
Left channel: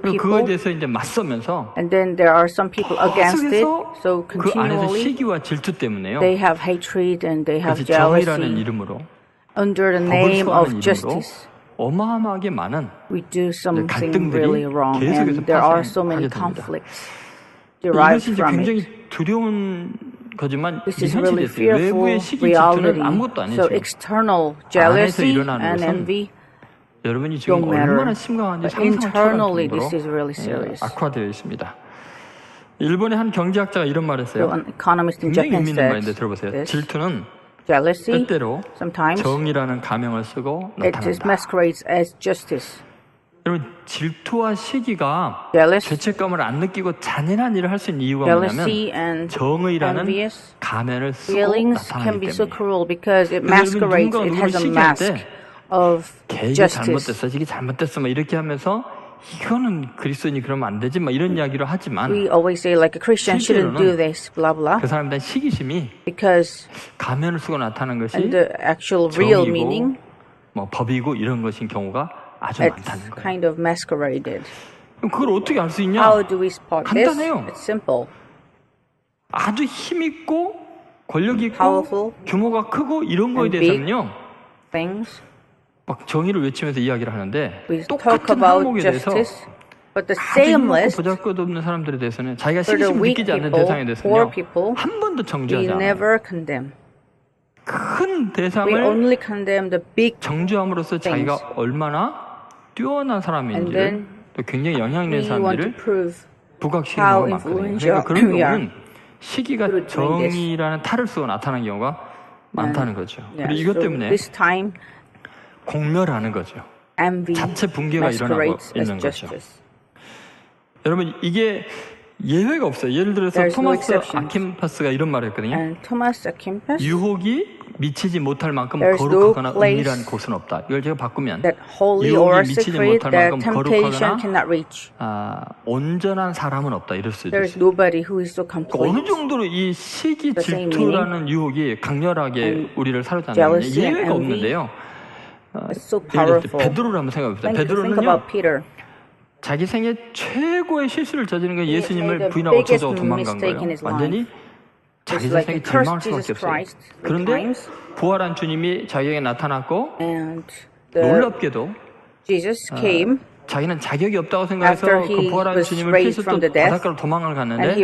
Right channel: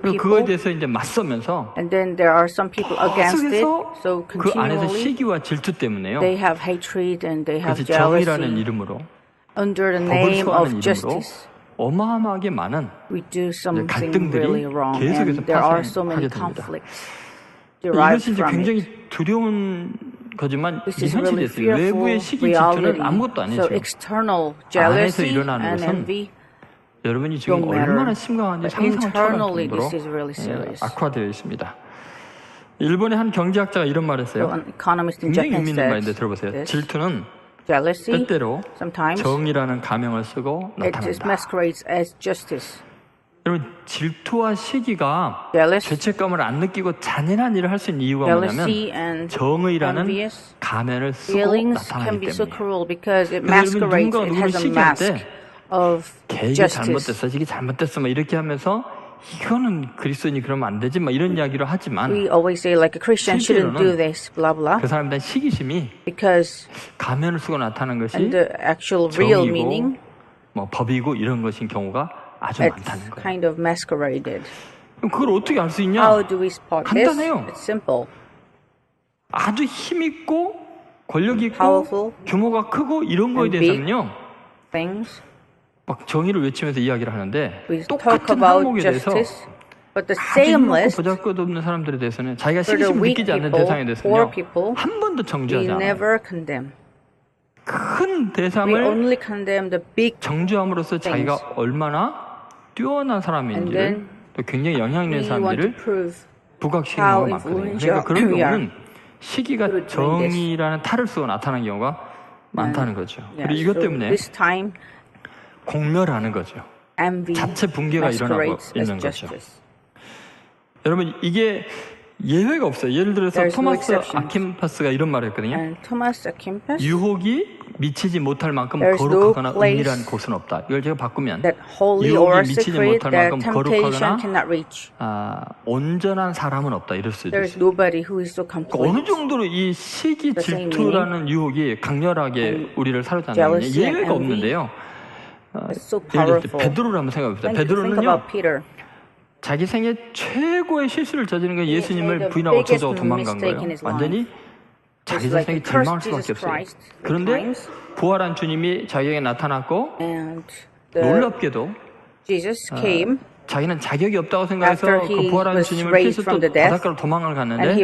그리고 그거에 대해서 이제 맞서면서 계속해서 그 안에서 시기와 질투 때문에요. 그것이 정의라는 이름으로, 법을 소화하는 이름으로 어마어마하게 많은 갈등들이 계속해서 파생하게 됩니다. 이것이 이제 굉장히 두려운 거지만 이게 현실이 됐어요. 외부의 시기 질투는 아무것도 아니에요. 지금 안에서 일어나는 것은 여러분이 지금 얼마나 심각한지 상상을 초월할 정도로 악화되어 있습니다. 일본의 한 경제학자가 이런 말을 했어요. 굉장히 의미 있는 말인데 들어보세요. 질투는 때때로 정의라는 가명을 쓰고 나타난다. 여러분, 질투와 시기가 죄책감을 안 느끼고 잔인한 일을 할 수 있는 이유가 뭐냐면 정의라는 가면을 쓰고 나타나기 때문이에요. 그래서 여러분이 누군가가 누구를 시기할 때 걔 이게 잘못됐어, 이게 잘못됐어 막 이렇게 하면서 이거는 그리스도인이 그러면 안 되지 막 이런 이야기를 하지만 실제로는 그 사람에 대한 시기심이 가면을 쓰고 나타나는 것이 정의고 뭐 법이고 이런 것인 경우가 아주 많다는 거예요. 그럼 그걸 어떻게 알 수 있냐? 간단해요. 아주 힘있고 권력 있고 규모가 크고 이런 거에 대해서는요, 막 정의를 외치면서 이야기를 하는데 똑같은 항목에 대해서 아주 힘없고 보잘것없는 사람들에 대해서는, 자기가 시기심을 느끼지 않는 대상에 대해서는요 한 번도 정죄하지 않아요. 큰 대상을 정죄함으로써 자기가 얼마나 뛰어난 사람인지를, 또 굉장히 영향 있는 사람인지를 부각시키는 경우가 많거든요. 그러니까 그런 경우는 시기가 정의라는 탈을 쓰고 나타나는 경우가 많다는 거죠. 그리고 이것 때문에 공멸하는 거죠. 자체 붕괴가 일어나고 있는 거죠. 여러분, 이게 예외가 없어요. 예를 들어서 토마스 아킨파스가 이런 말을 했거든요. 유혹이 미치지 못할 만큼 거룩하거나 은밀한 곳은 없다. 이걸 제가 바꾸면 유혹이 미치지 못할 만큼 거룩하거나 온전한 사람은 없다. 이럴 수도 있어요. 그러니까 어느 정도로 이 시기 질투라는 유혹이 강렬하게 우리를 사로잡냐면요, 예외가 없는데요. 예를 들어서 베드로를 한번 생각해 봅시다. 베드로는요 자기 생애 최고의 실수를 저지른 게 예수님을 부인하고 저주하고 도망간 거예요. 완전히 자기 자신에게 절망할 수밖에 없어요. 그런데 부활한 주님이 자기에게 나타났고 놀랍게도 자기는 자격이 없다고 생각해서 그 부활한 주님을 피해서 또 바닷가로 도망을 갔는데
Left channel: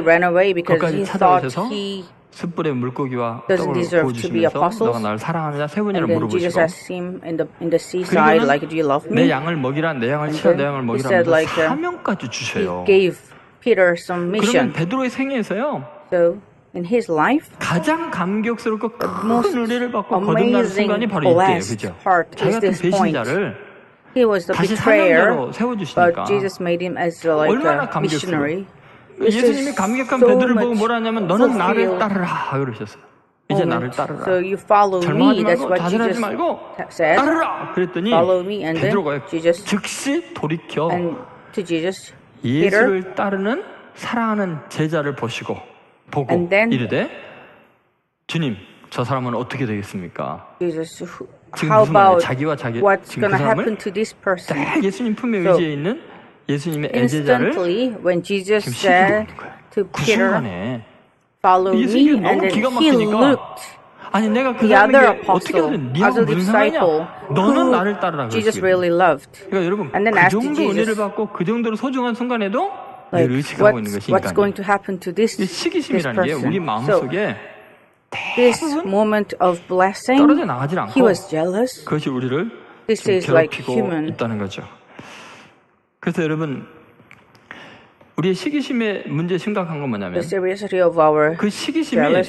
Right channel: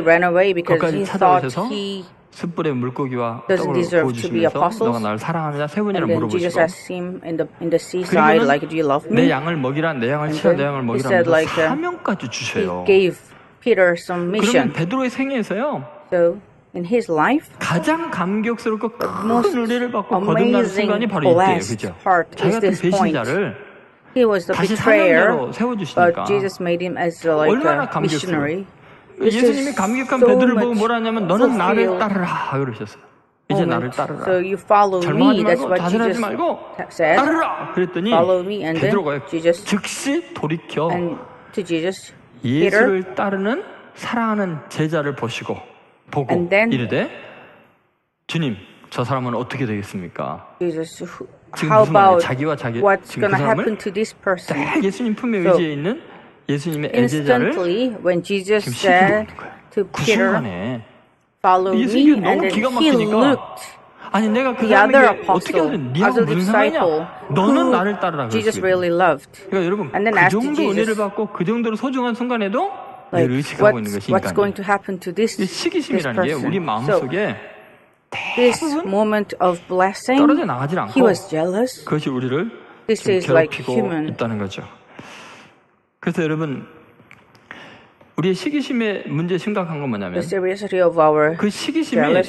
거기까지 찾아오셔서 숯불에 물고기와 떡을 구워주시면서 너가 나를 사랑하느냐 3번이나 물어보시고, 그리고는 내 양을 먹이라, 내 양을 치라, 내 양을 먹이라 하면서 사명까지 주셔요. 그러면 베드로의 생애에서요 가장 감격스럽고 큰 은혜를 받고 거듭나는 순간이 바로 이때예요. 그죠? 자기 같은 배신자를 다시 사명자로 세워주시니까 얼마나 감격스러워요. 예수님이 감격한 베드로를 보고 뭐라 하냐면 너는 나를 따르라 그러셨어요. 이제 나를 따르라. 절망하지 말고 좌절하지 말고 따르라 그랬더니 베드로가 즉시 돌이켜 예수를 따르는 사랑하는 제자를 보고 이르되 주님 저 사람은 어떻게 되겠습니까? 지금 무슨 말이에요? 지금 그 사람을 딱 예수님 품에 의지해 있는 예수님의 애제자를 지금 시기하고 있는 거예요. 그 순간에 예수님께서 너무 기가 막히니까 아니 내가 그 사람에게 어떻게 하든 니하고 무슨 상관이냐? 너는 나를 따르라 그러시거든요. 그러니까 여러분 그 정도 은혜를 받고 그 정도로 소중한 순간에도 늘 의식하고 있는 것이 인간이에요. 이 시기심이라는 게 우리 마음속에 대부분 떨어져 나가질 않고 그것이 우리를 지금 괴롭히고 있다는 거죠. 그래서 여러분 우리의 시기심의 문제 심각한 건 뭐냐면 그 시기심이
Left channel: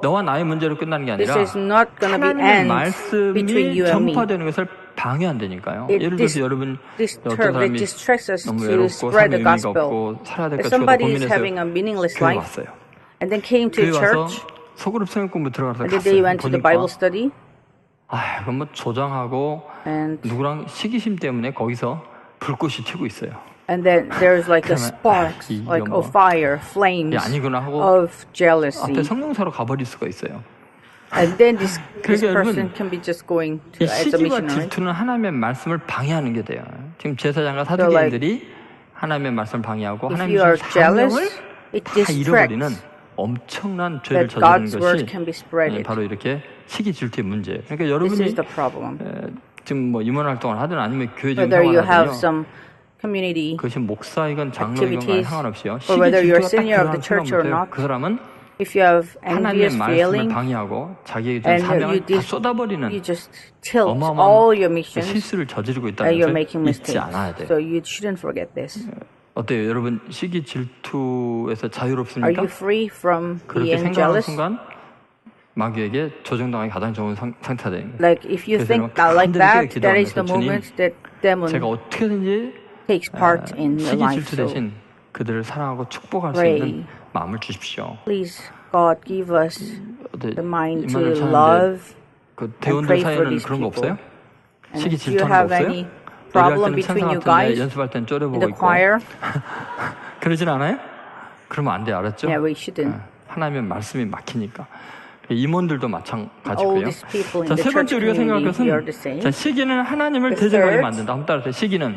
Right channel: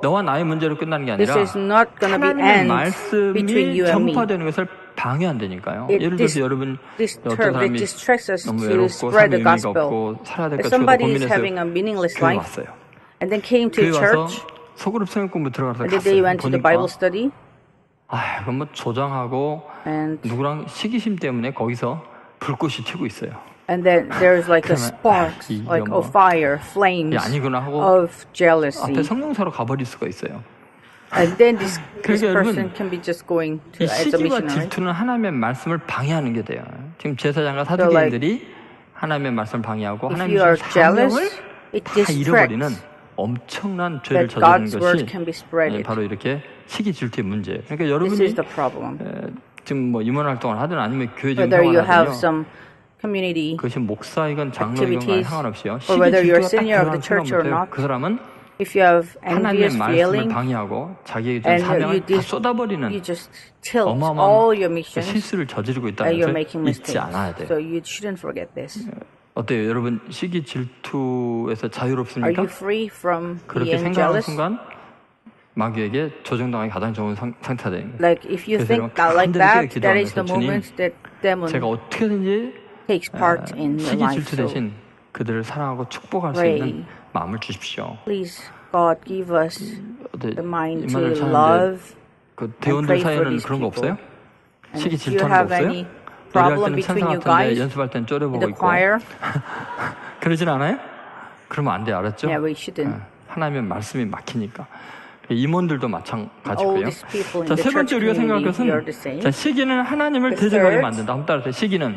너와 나의 문제로 끝나는 게 아니라 하나님의 말씀이 전파되는 것을 방해한다니까요. 예를 들어서 여러분 어떤 사람이 너무 외롭고 삶의 의미가 없고 살아야 될까 죽어도 고민해서 교회 왔어요. 교회 와서 소그룹 성역 공부 들어가서 갔어요. 보니까 그건 뭐 조장하고 누구랑 시기심 때문에 거기서 불꽃이 튀고 있어요. 그러면 이거 뭐 아니구나 하고 앞에 성령사로 가버릴 수가 있어요. 그러니까 여러분 이 시기와 질투는 하나님의 말씀을 방해하는 게 돼요. 지금 제사장과 사두개인들이 하나님의 말씀을 방해하고 하나님이 주신 사명을 다 잃어버리는 엄청난 죄를 저지르는 것이 바로 이렇게 시기 질투의 문제예요. 그러니까 여러분이 지금 뭐 임원 활동을 하든 아니면 교회 지금 생활을 하든요, 그것이 목사이건 장로이건 간에 상관없이요, 시기 질투가 딱 들어가는 순간부터요 그 사람은 하나님의 말씀을 방해하고 자기에게 준 사명을 다 쏟아버리는 어마어마한 실수를 저지르고 있다는 것을 잊지 않아야 돼요. 어때요? 여러분 시기 질투에서 자유롭습니까? 그렇게 생각하는 순간 마귀에게 조정당하기 가장 좋은 상태가 되는 거예요. 그래서 여러분 간절히 깨어 기도하면서 주님 제가 어떻게든지 시기 질투 대신 그들을 사랑하고 축복할 수 있는 마음을 주십시오. 임마누엘 차는데 그 대원들 사이에는 그런 거 없어요? 시기 질투하는 거 없어요? 노래할 때는 천사 같은데 연습할 때는 쪼려보고 있고 그러진 않아요? 그러면 안 돼, 알았죠? 하나님의 말씀이 막히니까. 임원들도 마찬가지고요. 자, 세 번째 우리가 생각할 것은, 자, 시기는 하나님을 대적하게 만든다. 한번 따라서 시기는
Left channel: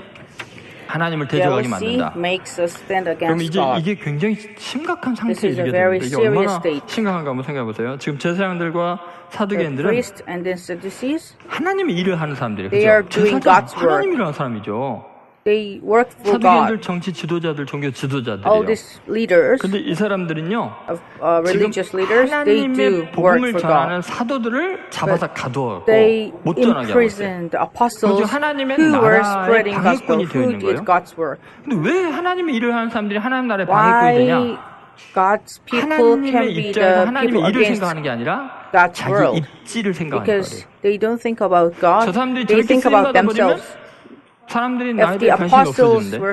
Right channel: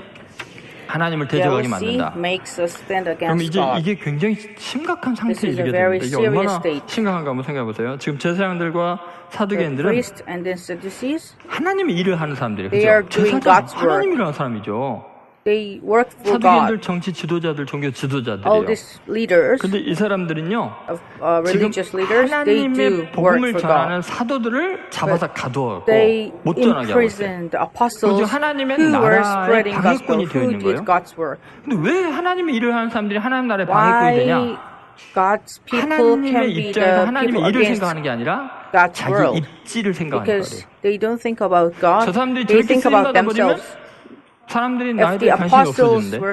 하나님을 대적하게 만든다. 그러면 이제 이게 굉장히 심각한 상태에 이르게 됩니다. 이게 얼마나 심각한가 한번 생각해 보세요. 지금 제사장들과 사두개인들은 하나님의 일을 하는 사람들이에요. 그죠? 제사장, 하나님 일을 하는 사람이죠. 사두개인들 정치 지도자들, 종교 지도자들이에요. 그런데 이 사람들은요, 지금 하나님의 복음을 전하는 사도들을 잡아서 가두어갖고 못 전하게 하고 있어요. 그럼 지금 하나님의 나라의 방해꾼이 되어 있는 거예요. 근데 왜 하나님의 일을 하는 사람들이 하나님 나라의 방해꾼이 되냐? 하나님의 입장에서 하나님의 일을 생각하는 게 아니라 자기 입지를 생각하니까 그래요. 저 사람들이 저렇게 쓰임받아 버리면 사람들이 나에 대해 관심이 없어지는데,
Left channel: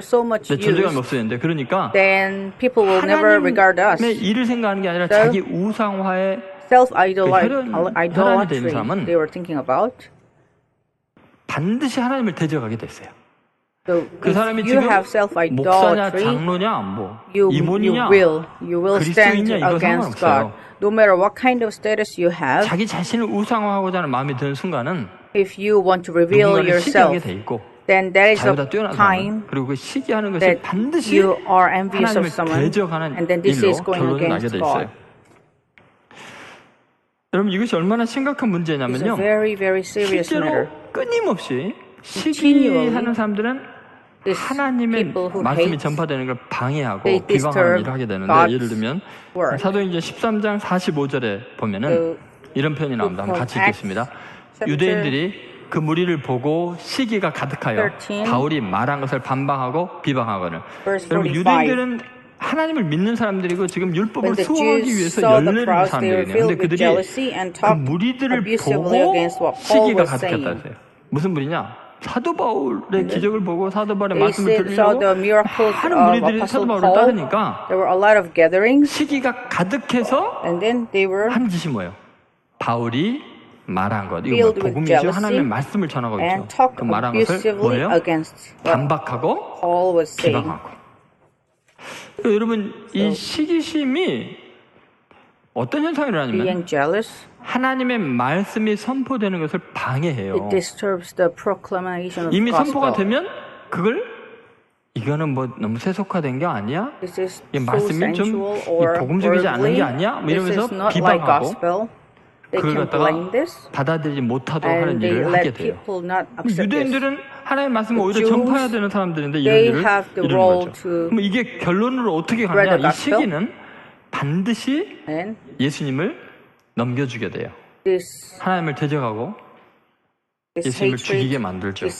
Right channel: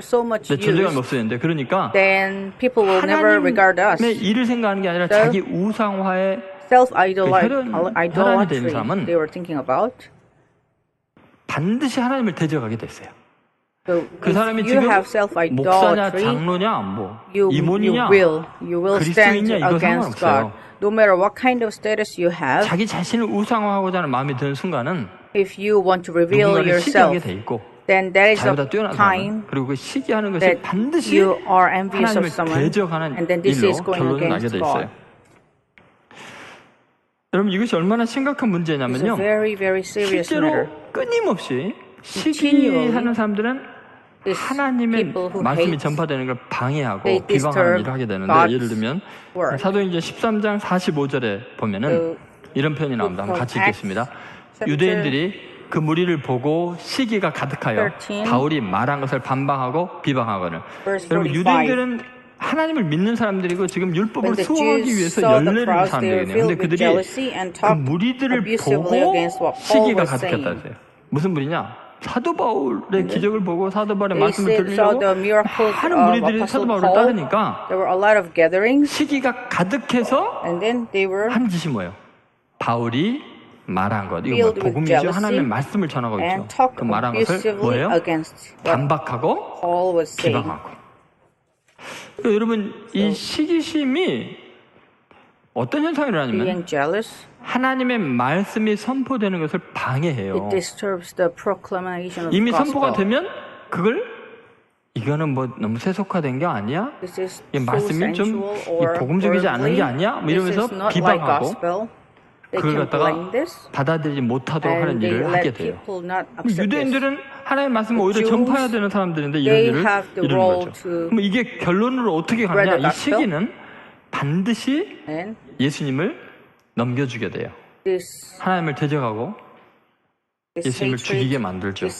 내 존재감이 없어지는데, 그러니까 하나님의 일을 생각하는 게 아니라 자기 우상화의 그 혈안이 되어 있는 사람은 반드시 하나님을 대적하게 됐어요. 그 사람이 지금 목사냐 장로냐 뭐 임원이냐 그리스도인이냐 이거 상관없어요. 자기 자신을 우상화하고자 하는 마음이 드는 순간은 누군가를 시기하게 돼 있고 자유보다 뛰어난 사람을, 그리고 그 시기하는 것이 반드시 하나님을 대적하는 일로 결론이 나게 돼 있어요. 여러분, 이것이 얼마나 심각한 문제냐면요, 실제로 끊임없이 시기하는 사람들은 하나님의 말씀이 전파되는 걸 방해하고 비방하는 일을 하게 되는데, 예를 들면 사도행전 13장 45절에 보면은 이런 표현이 나옵니다. 한번 같이 읽겠습니다. 유대인들이 그 무리를 보고 시기가 가득하여 바울이 말한 것을 반박하고 비방하거늘. 여러분, 유대인들은 하나님을 믿는 사람들이고 지금 율법을 수호하기 위해서 열례를 사람들이거든요. 근데 그들이 그 무리들을 보고 시기가 가득했다 했어요. 무슨 무리냐? 사도 바울의 기적을 보고 사도 바울의 말씀을 들으려고 많은 무리들이 사도 바울을 따르니까 시기가 가득해서 하는 짓이 뭐예요? 바울이 말한 것, 이거 뭐예요? 복음이죠. 하나님의 말씀을 전하고 있죠. 그 말한 것을 뭐예요? 반박하고 비방하고. 그러니까 여러분, 이 시기심이 어떤 현상이 일어나냐면 하나님의 말씀이 선포되는 것을 방해해요. 이미 선포가 되면 그걸 이거는 뭐 너무 세속화된 게 아니야? 이 말씀이 좀 복음적이지 않은 게 아니야? 뭐 이러면서 비방하고 그걸 갖다가 받아들이지 못하도록 하는 일을 하게 돼요. 근데 유대인들은 하나님의 말씀을 오히려 전파해야 되는 사람들인데 이런 일을 이루는 거죠. 그럼 이게 결론으로 어떻게 가느냐? 이 시기는 반드시 예수님을 넘겨주게 돼요. 하나님을 대적하고 예수님을 죽이게 만들죠.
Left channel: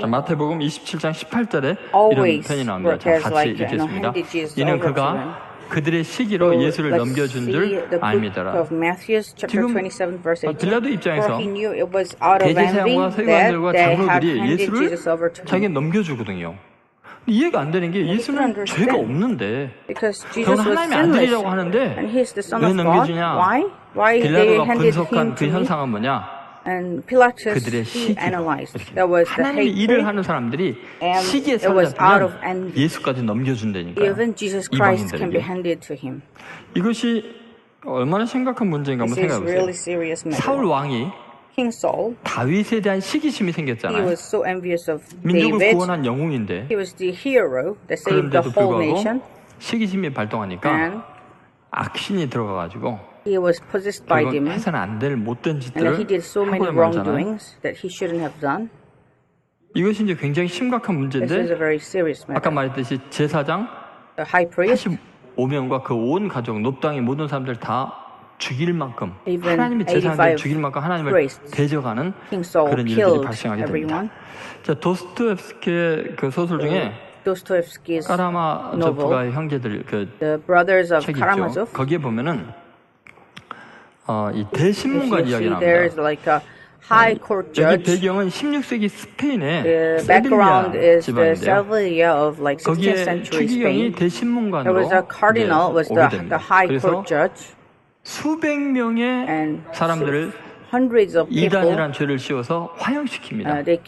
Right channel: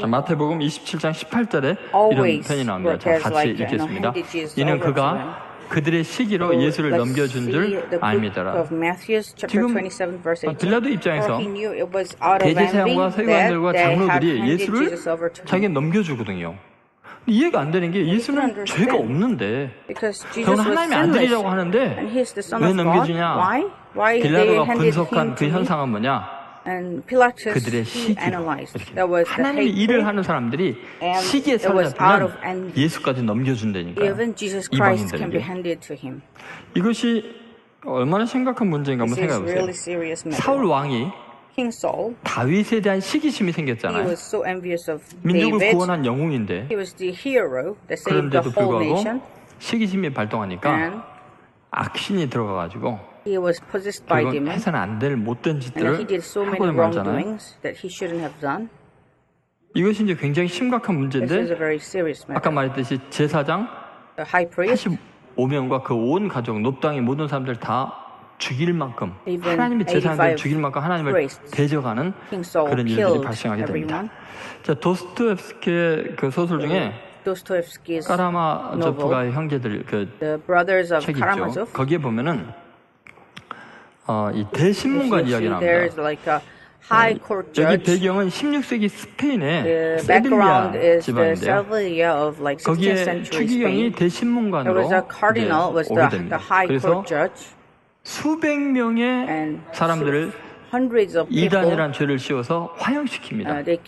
자, 마태복음 27장 18절에 이런 편이 나옵니다. 자, 같이 읽겠습니다. 이는 그가 그들의 시기로 예수를 넘겨준 줄 알미더라. 지금 빌라도 입장에서 대제사장과 서기관들과 장로들이 예수를 자기가 넘겨주거든요. 이해가 안 되는 게 예수는 죄가 없는데 더구나 하나님의 아들이라고 하는데 왜 넘겨주냐? 빌라도가 분석한 그 현상은 뭐냐? 그들의 시기로. 이렇게 하나님의 일을 하는 사람들이 시기에 사로잡히면 예수까지 넘겨준다니까요. 이방인들에게. 이것이 얼마나 심각한 문제인가 한번 생각해 보세요. 사울 왕이 다윗에 대한 시기심이 생겼잖아요. 민족을 구원한 영웅인데 그런데도 불구하고 시기심이 발동하니까 악신이 들어가가지고 결국은 해서는 안 될 못된 짓들을 하고야 말잖아요. 이것이 이제 굉장히 심각한 문제인데 아까 말했듯이 제사장 85명과 그 온 가족, 놋당의 모든 사람들 다 죽일 만큼 하나님의 제사장들을 죽일 만큼 하나님을 대적하는 그런 일들이 발생하게 됩니다. 자, 도스토옙스키의 그 소설 중에 까라마조프가의 형제들 그 책이 있죠. 거기에 보면은 이 대신문관 이야기 나옵니다. 여기 배경은 16세기 스페인의 세빌리아 지방인데요. 거기에 추기경이 대신문관으로 이제 오게 됩니다. 그래서 수백 명의 사람들을 이단이란 죄를 씌워서 화형시킵니다.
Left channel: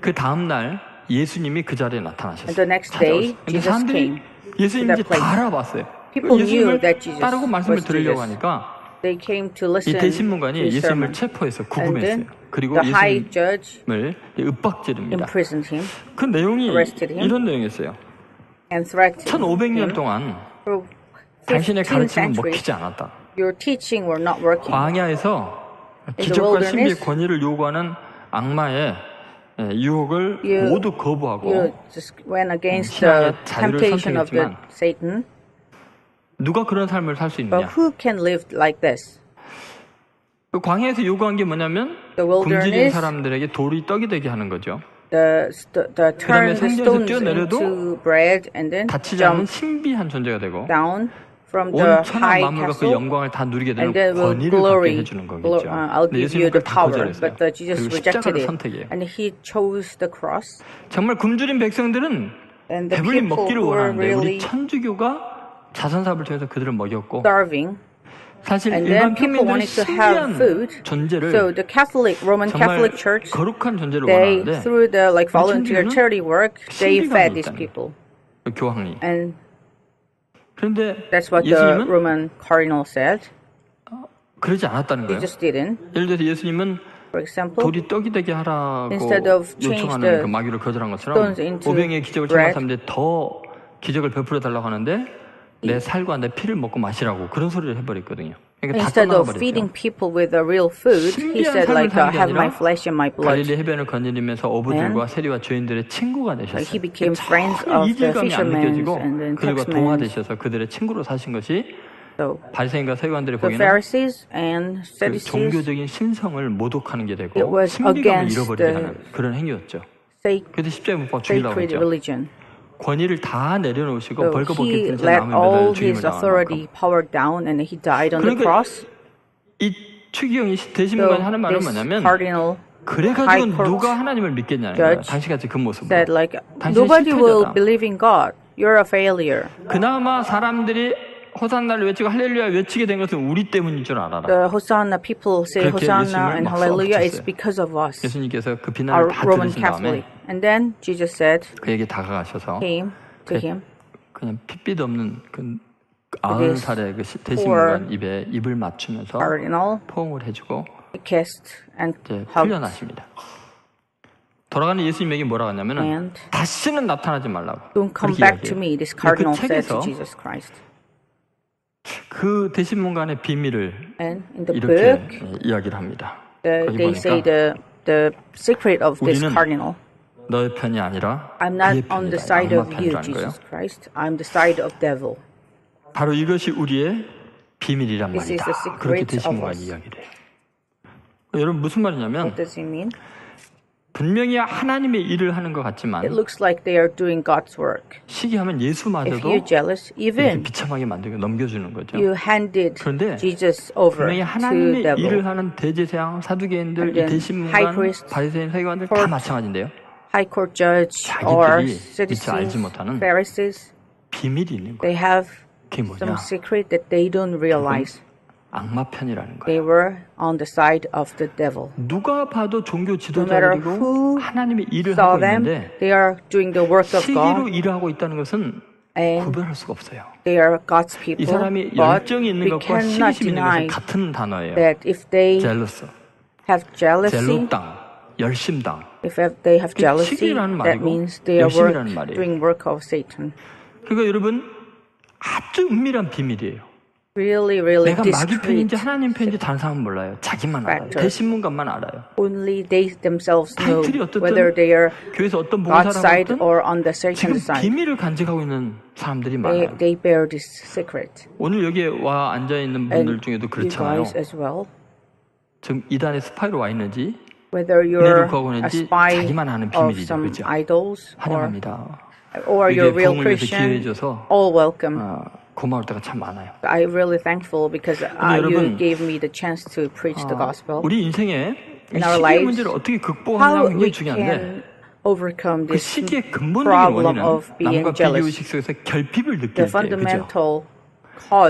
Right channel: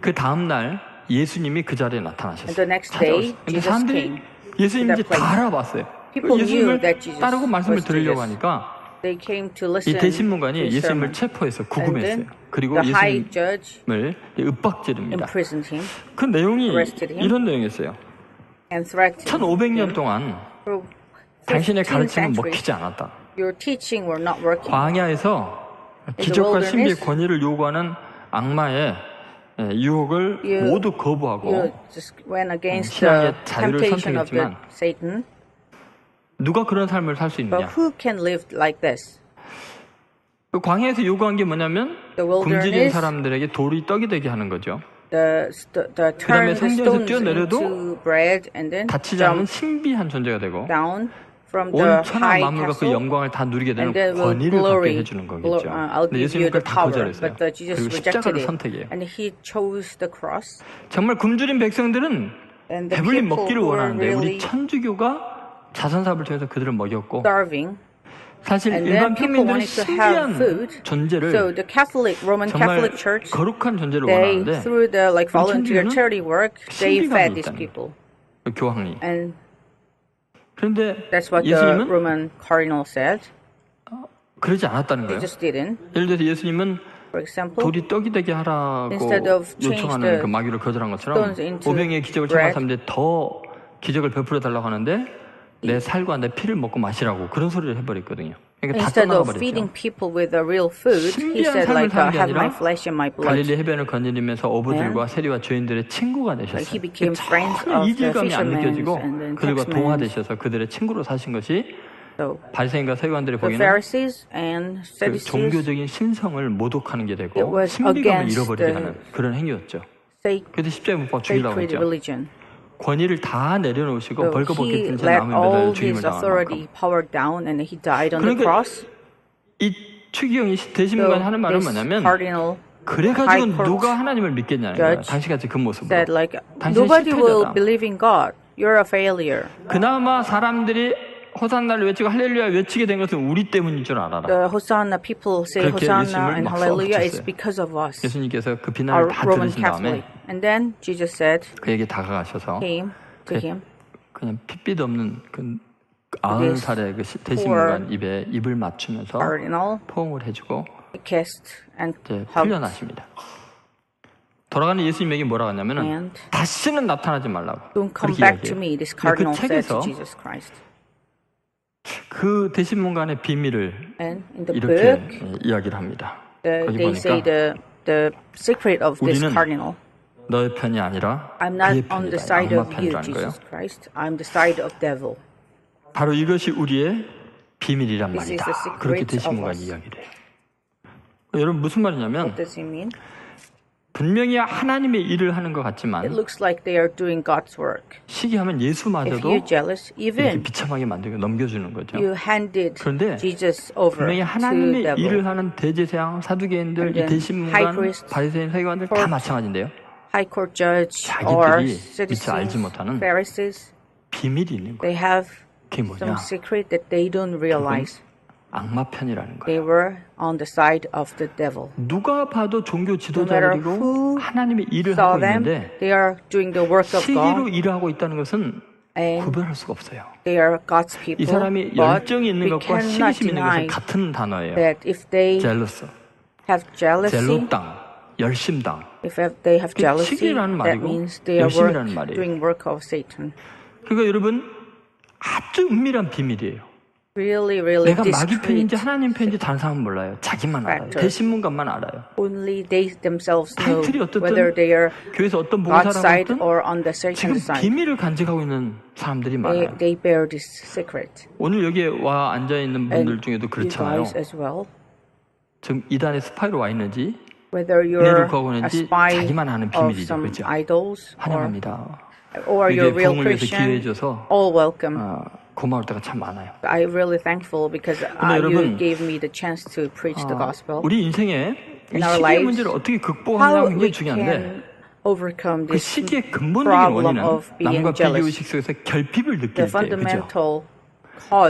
그 다음날 예수님이 그 자리에 나타나셨어요. 찾아오셨어요. 근데 사람들이 예수님인지 다 알아봤어요. 예수님을 따르고 말씀을 들으려고 하니까 이 대신문관이 예수님을 체포해서 구금했어요. 그리고 예수님을 윽박지릅니다. 그 내용이 이런 내용이었어요. 1500년 동안 당신의 가르침은 먹히지 않았다. 광야에서 기적과 신비의 권위를 요구하는 악마의 유혹을 모두 거부하고 신앙의 자유를 선택했지만 누가 그런 삶을 살 수 있느냐? 그 광야에서 요구한 게 뭐냐면 굶주린 사람들에게 돌이 떡이 되게 하는 거죠. 그 다음에 성전에서 뛰어내려도 다치지 않는 신비한 존재가 되고 온 천하 만물과 그 영광을 다 누리게 되는 권위를 갖게 해주는 거겠죠. 근데 예수님은 그걸 다 거절했어요. 그리고 십자가를 선택해요. 정말 굶주린 백성들은 배불리 먹기를 원하는데 우리 천주교가 자선사업을 통해서 그들을 먹였고 사실 일반 평민들은 신비한 존재를 정말 거룩한 존재를 원하는데 우리 천주교는 신비감이 있다는 거예요. 교황이. 그런데 예수님은 그러지 않았다는 거예요. 예를 들어서 예수님은 돌이 떡이 되게 하라고 요청하는 그 마귀를 거절한 것처럼 오병이의 기적을 체험한 사람들이 더 기적을 베풀어 달라고 하는데 내 살과 내 피를 먹고 마시라고 그런 소리를 해버렸거든요. 그러니까 다 떠나가 버렸죠. 신비한 삶을 사는 게 아니라 갈릴리 해변을 거닐면서 어부들과 세리와 죄인들의 친구가 되셨어요. 전혀 이질감이 안 느껴지고 그들과 동화되셔서 그들의 친구로 사신 것이 바리새인과 서기관들이 보기에는 그 종교적인 신성을 모독하는 게 되고 신비감을 잃어버리게 하는 그런 행위였죠. 그래서 십자가에 못 박아 죽이려고 했죠. 권위를 다 내려놓으시고 벌거벗긴 채 나무에 매달려 죽임을 당할 만큼. 그러니까 이 추기경이 대신문관이 하는 말은 뭐냐면 그래가지고 누가 하나님을 믿겠냐는 거야. 당신같이 그 모습으로. 당신은 실패자다. 그나마 사람들이 호산나를 외치고 할렐루야 외치게 된 것은 우리 때문인 줄 알아라. 그렇게 예수님을 막 쏘아붙였어요. 예수님께서 그 비난을 다 들으신 다음에 그에게 다가가셔서 그냥 핏빛 없는 그 90살의 그 대신문관 입에 입을 맞추면서 포옹을 해주고 이제 풀려나십니다. 돌아가는 예수님에게 뭐라고 하냐면은 다시는 나타나지 말라고 그렇게 이야기해요. 근데 그 책에서 그 대신문관의 비밀을 이렇게 이야기를 합니다. 거기 보니까 우리는 너의 편이 아니라 그의 편이다. 악마 편이라는 거예요. 바로 이것이 우리의 비밀이란 말이다. 그렇게 대신문관이 이야기를 해요. 여러분 무슨 말이냐면 분명히 하나님의 일을 하는 것 같지만 시기하면 예수마저도 이렇게 비참하게 만들고 넘겨주는 거죠. 그런데 분명히 하나님의 일을 하는 대제사장, 사두개인들, 이 대신문관, 바리새인, 서기관들 다 마찬가지인데요. 자기들이 미처 알지 못하는 비밀이 있는 거예요. 그게 뭐냐? 그건 악마 편이라는 거예요. 누가 봐도 종교 지도자들이고 하나님의 일을 하고 있는데 시기로 일을 하고 있다는 것은 구별할 수가 없어요. 이 사람이 열정이 있는 것과 시기심 있는 것은 같은 단어예요. 젤러스, 젤로땅, 열심당. 시기라는 말이고 열심이라는 말이에요. 그러니까 여러분 아주 은밀한 비밀이에요. 내가 마귀 편인지 하나님 편인지 다른 사람은 몰라요. 자기만 알아요. 대신문관만 알아요. 타이틀이 어떻든 교회에서 어떤 봉사를 하고 있든 지금 비밀을 간직하고 있는 사람들이 많아요. 오늘 여기에 와 앉아있는 분들 중에도 그렇잖아요. 지금 이단의 스파이로 와 있는지 은혜를 구하고 있는지 자기만 아는 비밀이죠. 그렇죠? 환영합니다. 여기에 부흥을 위해서 기회해줘서 고마울 때가 참 많아요. 근데 여러분 우리 인생에 시기의 문제를 어떻게 극복하느냐가 굉장히 중요한데 그 시기의 근본적인 원인은 남과 비교의식 속에서 결핍을 느낄 때, 그죠?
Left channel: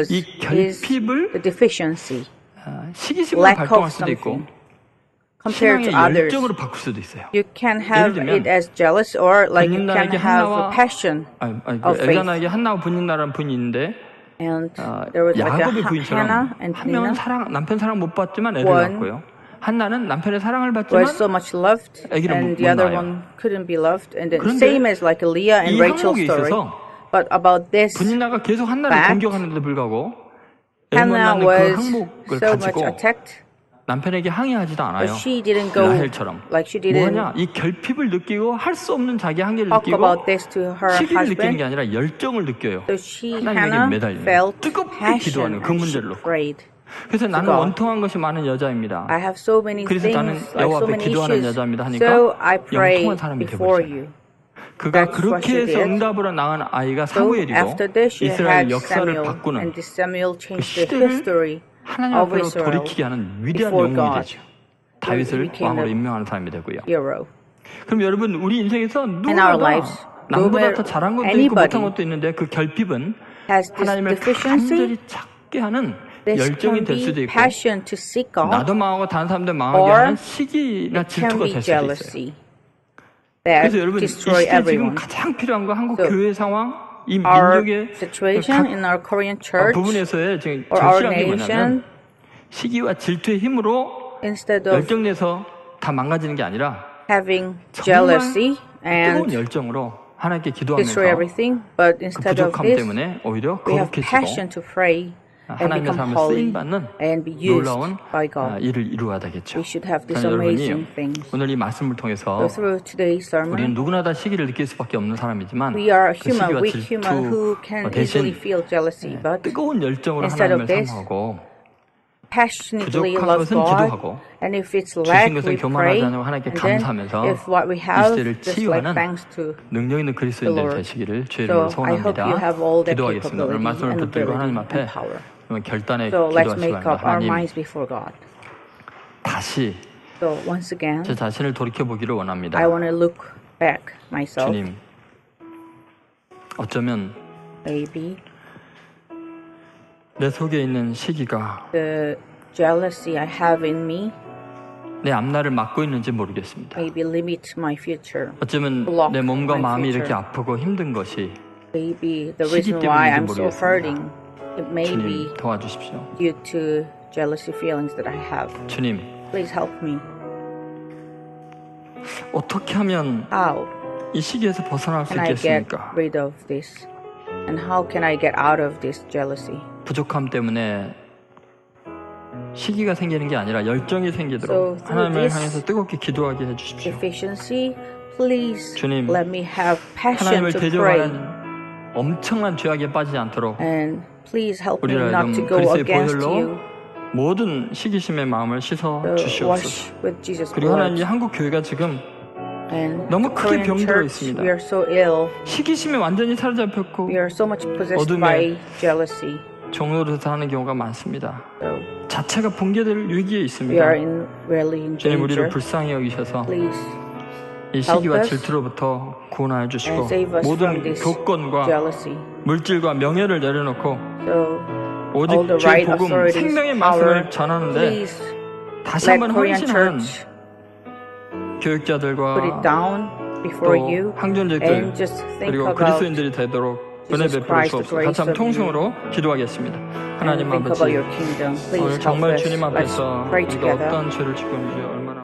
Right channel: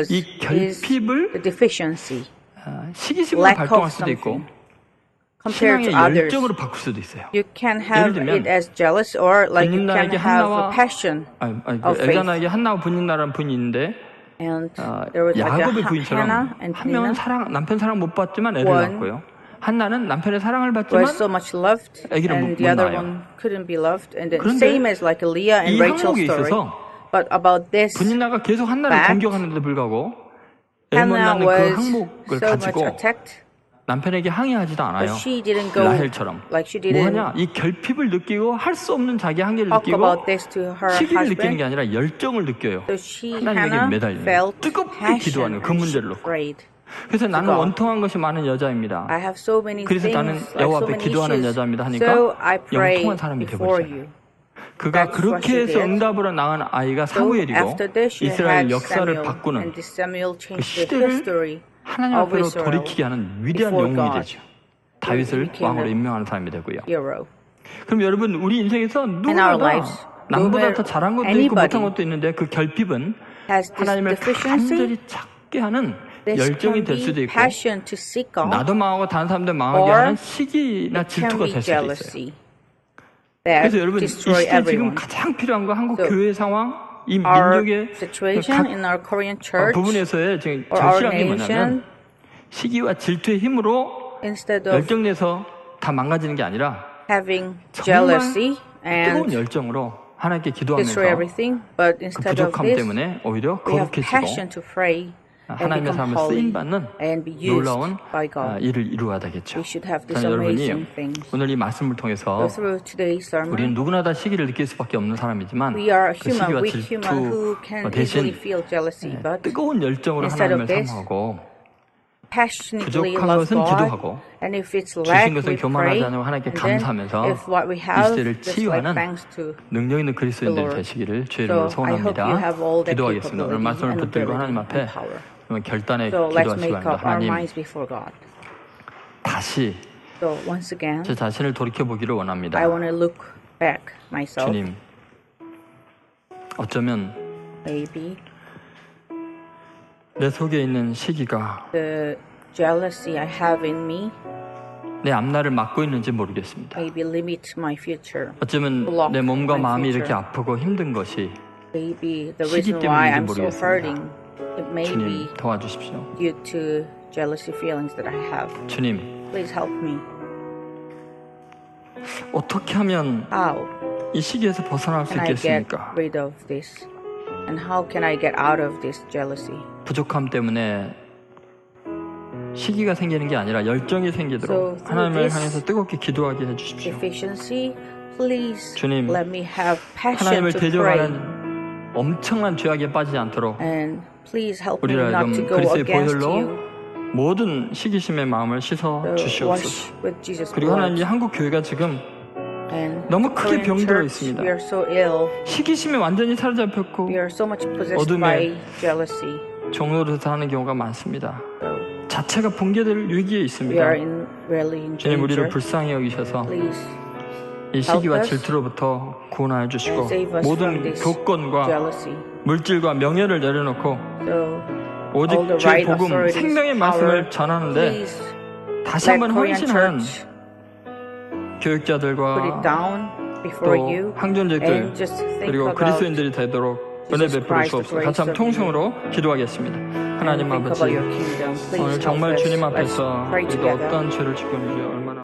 이 결핍을 시기심으로 발동할 수도 있고 신앙의 열정으로 바꿀 수도 있어요. 예를 들면 분인나에게 한나와 엘가나에게 한나와 분인나라는 분이 있는데 야곱의 부인처럼 한 명은 남편 사랑 못 받지만 애를 낳았고요. 한나는 남편의 사랑을 받지만 아기를 못 낳아요. 그런데 이 항목에 있어서 분인나가 계속 한나를 공격하는데도 불구하고 애 못 낳는 그 항목을 가지고 남편에게 항의하지도 않아요. 라헬처럼. 뭐하냐? 이 결핍을 느끼고 할 수 없는 자기 한계를 느끼고 시기를 느끼는 게 아니라 열정을 느껴요. 하나님에게 매달리는 거예요. 뜨겁게 기도하는 거예요. 그 문제를 놓고. 그래서 나는 원통한 것이 많은 여자입니다. 그래서 나는 여호와 앞에 기도하는 여자입니다 하니까 영통한 사람이 돼버리잖아요. 그가 그렇게 해서 응답으로 낳은 아이가 사무엘이고 이스라엘 역사를 바꾸는 그 시대를 하나님 앞으로 돌이키게 하는 위대한 영웅이 되죠. 다윗을 왕으로 임명하는 사람이 되고요. 그럼 여러분 우리 인생에서 누구나 다 남보다 더 잘한 것도 있고 못한 것도 있는데 그 결핍은 하나님을 간절히 찾게 하는 열정이 될 수도 있고 나도 망하고 다른 사람들 망하게 하는 시기나 질투가 될 수도 있어요. 그래서 여러분 이 시대에 지금 가장 필요한 거 한국 교회 상황, 이 민족의 각 부분에서의 지금 절실한 게 뭐냐면 시기와 질투의 힘으로 열정내서 다 망가지는 게 아니라 정말 뜨거운 열정으로 하나님께 기도하면서 그 부족함 때문에 오히려 거룩해지고 하나님의 사람을 쓰임받는 놀라운 일을 이루어야 되겠죠. 저는 여러분이 오늘 이 말씀을 통해서 우리는 누구나 다 시기를 느낄 수밖에 없는 사람이지만 그 시기와 질투 대신 뜨거운 열정으로 하나님을 사모하고 부족한 것은 기도하고 주신 것은 교만하지 않고 하나님께 감사하면서 이 시대를 치유하는 능력 있는 그리스도인들이 되시기를 주의 이름으로 소원합니다. 기도하겠습니다. 오늘 말씀을 붙들고 하나님 앞에 결단에 기도하시기 바랍니다. 하나님, 다시 제 자신을 돌이켜보기를 원합니다. 주님, 어쩌면 내 속에 있는 시기가 내 앞날을 막고 있는지 모르겠습니다. 어쩌면 내 몸과 마음이 이렇게 아프고 힘든 것이 시기 때문인지 모르겠습니다. 주님, 도와주십시오. 주님, 어떻게 하면 이 시기에서 벗어날 수 있겠습니까? 부족함 때문에 시기가 생기는 게 아니라 열정이 생기도록 하나님을 향해서 뜨겁게 기도하게 해주십시오. 주님, 하나님을 대적하는 엄청난 죄악에 빠지지 않도록 우리를 하여금 그리스도의 보혈로 모든 시기심의 마음을 씻어 주시옵소서. 그리고 하나님, 이 한국 교회가 지금 너무 크게 병들어 있습니다. 시기심이 완전히 사로잡혔고 어둠의 종로로 사는 경우가 많습니다. 자체가 붕괴될 위기에 있습니다. 주님, 우리를 불쌍히 여기셔서 이 시기와 질투로부터 구원하여 주시고 모든 교권과 물질과 명예를 내려놓고 오직 주의 복음, 생명의 말씀을 전하는데 다시 한번 헌신하는 교육자들과 또 항존직들 그리고 그리스도인들이 되도록 은혜 베풀어 주옵소서. 같이 한번 통성으로 기도하겠습니다. 하나님 아버지, 오늘 정말 주님 앞에서 우리가 어떠한 죄를 짓고 있는지 얼마나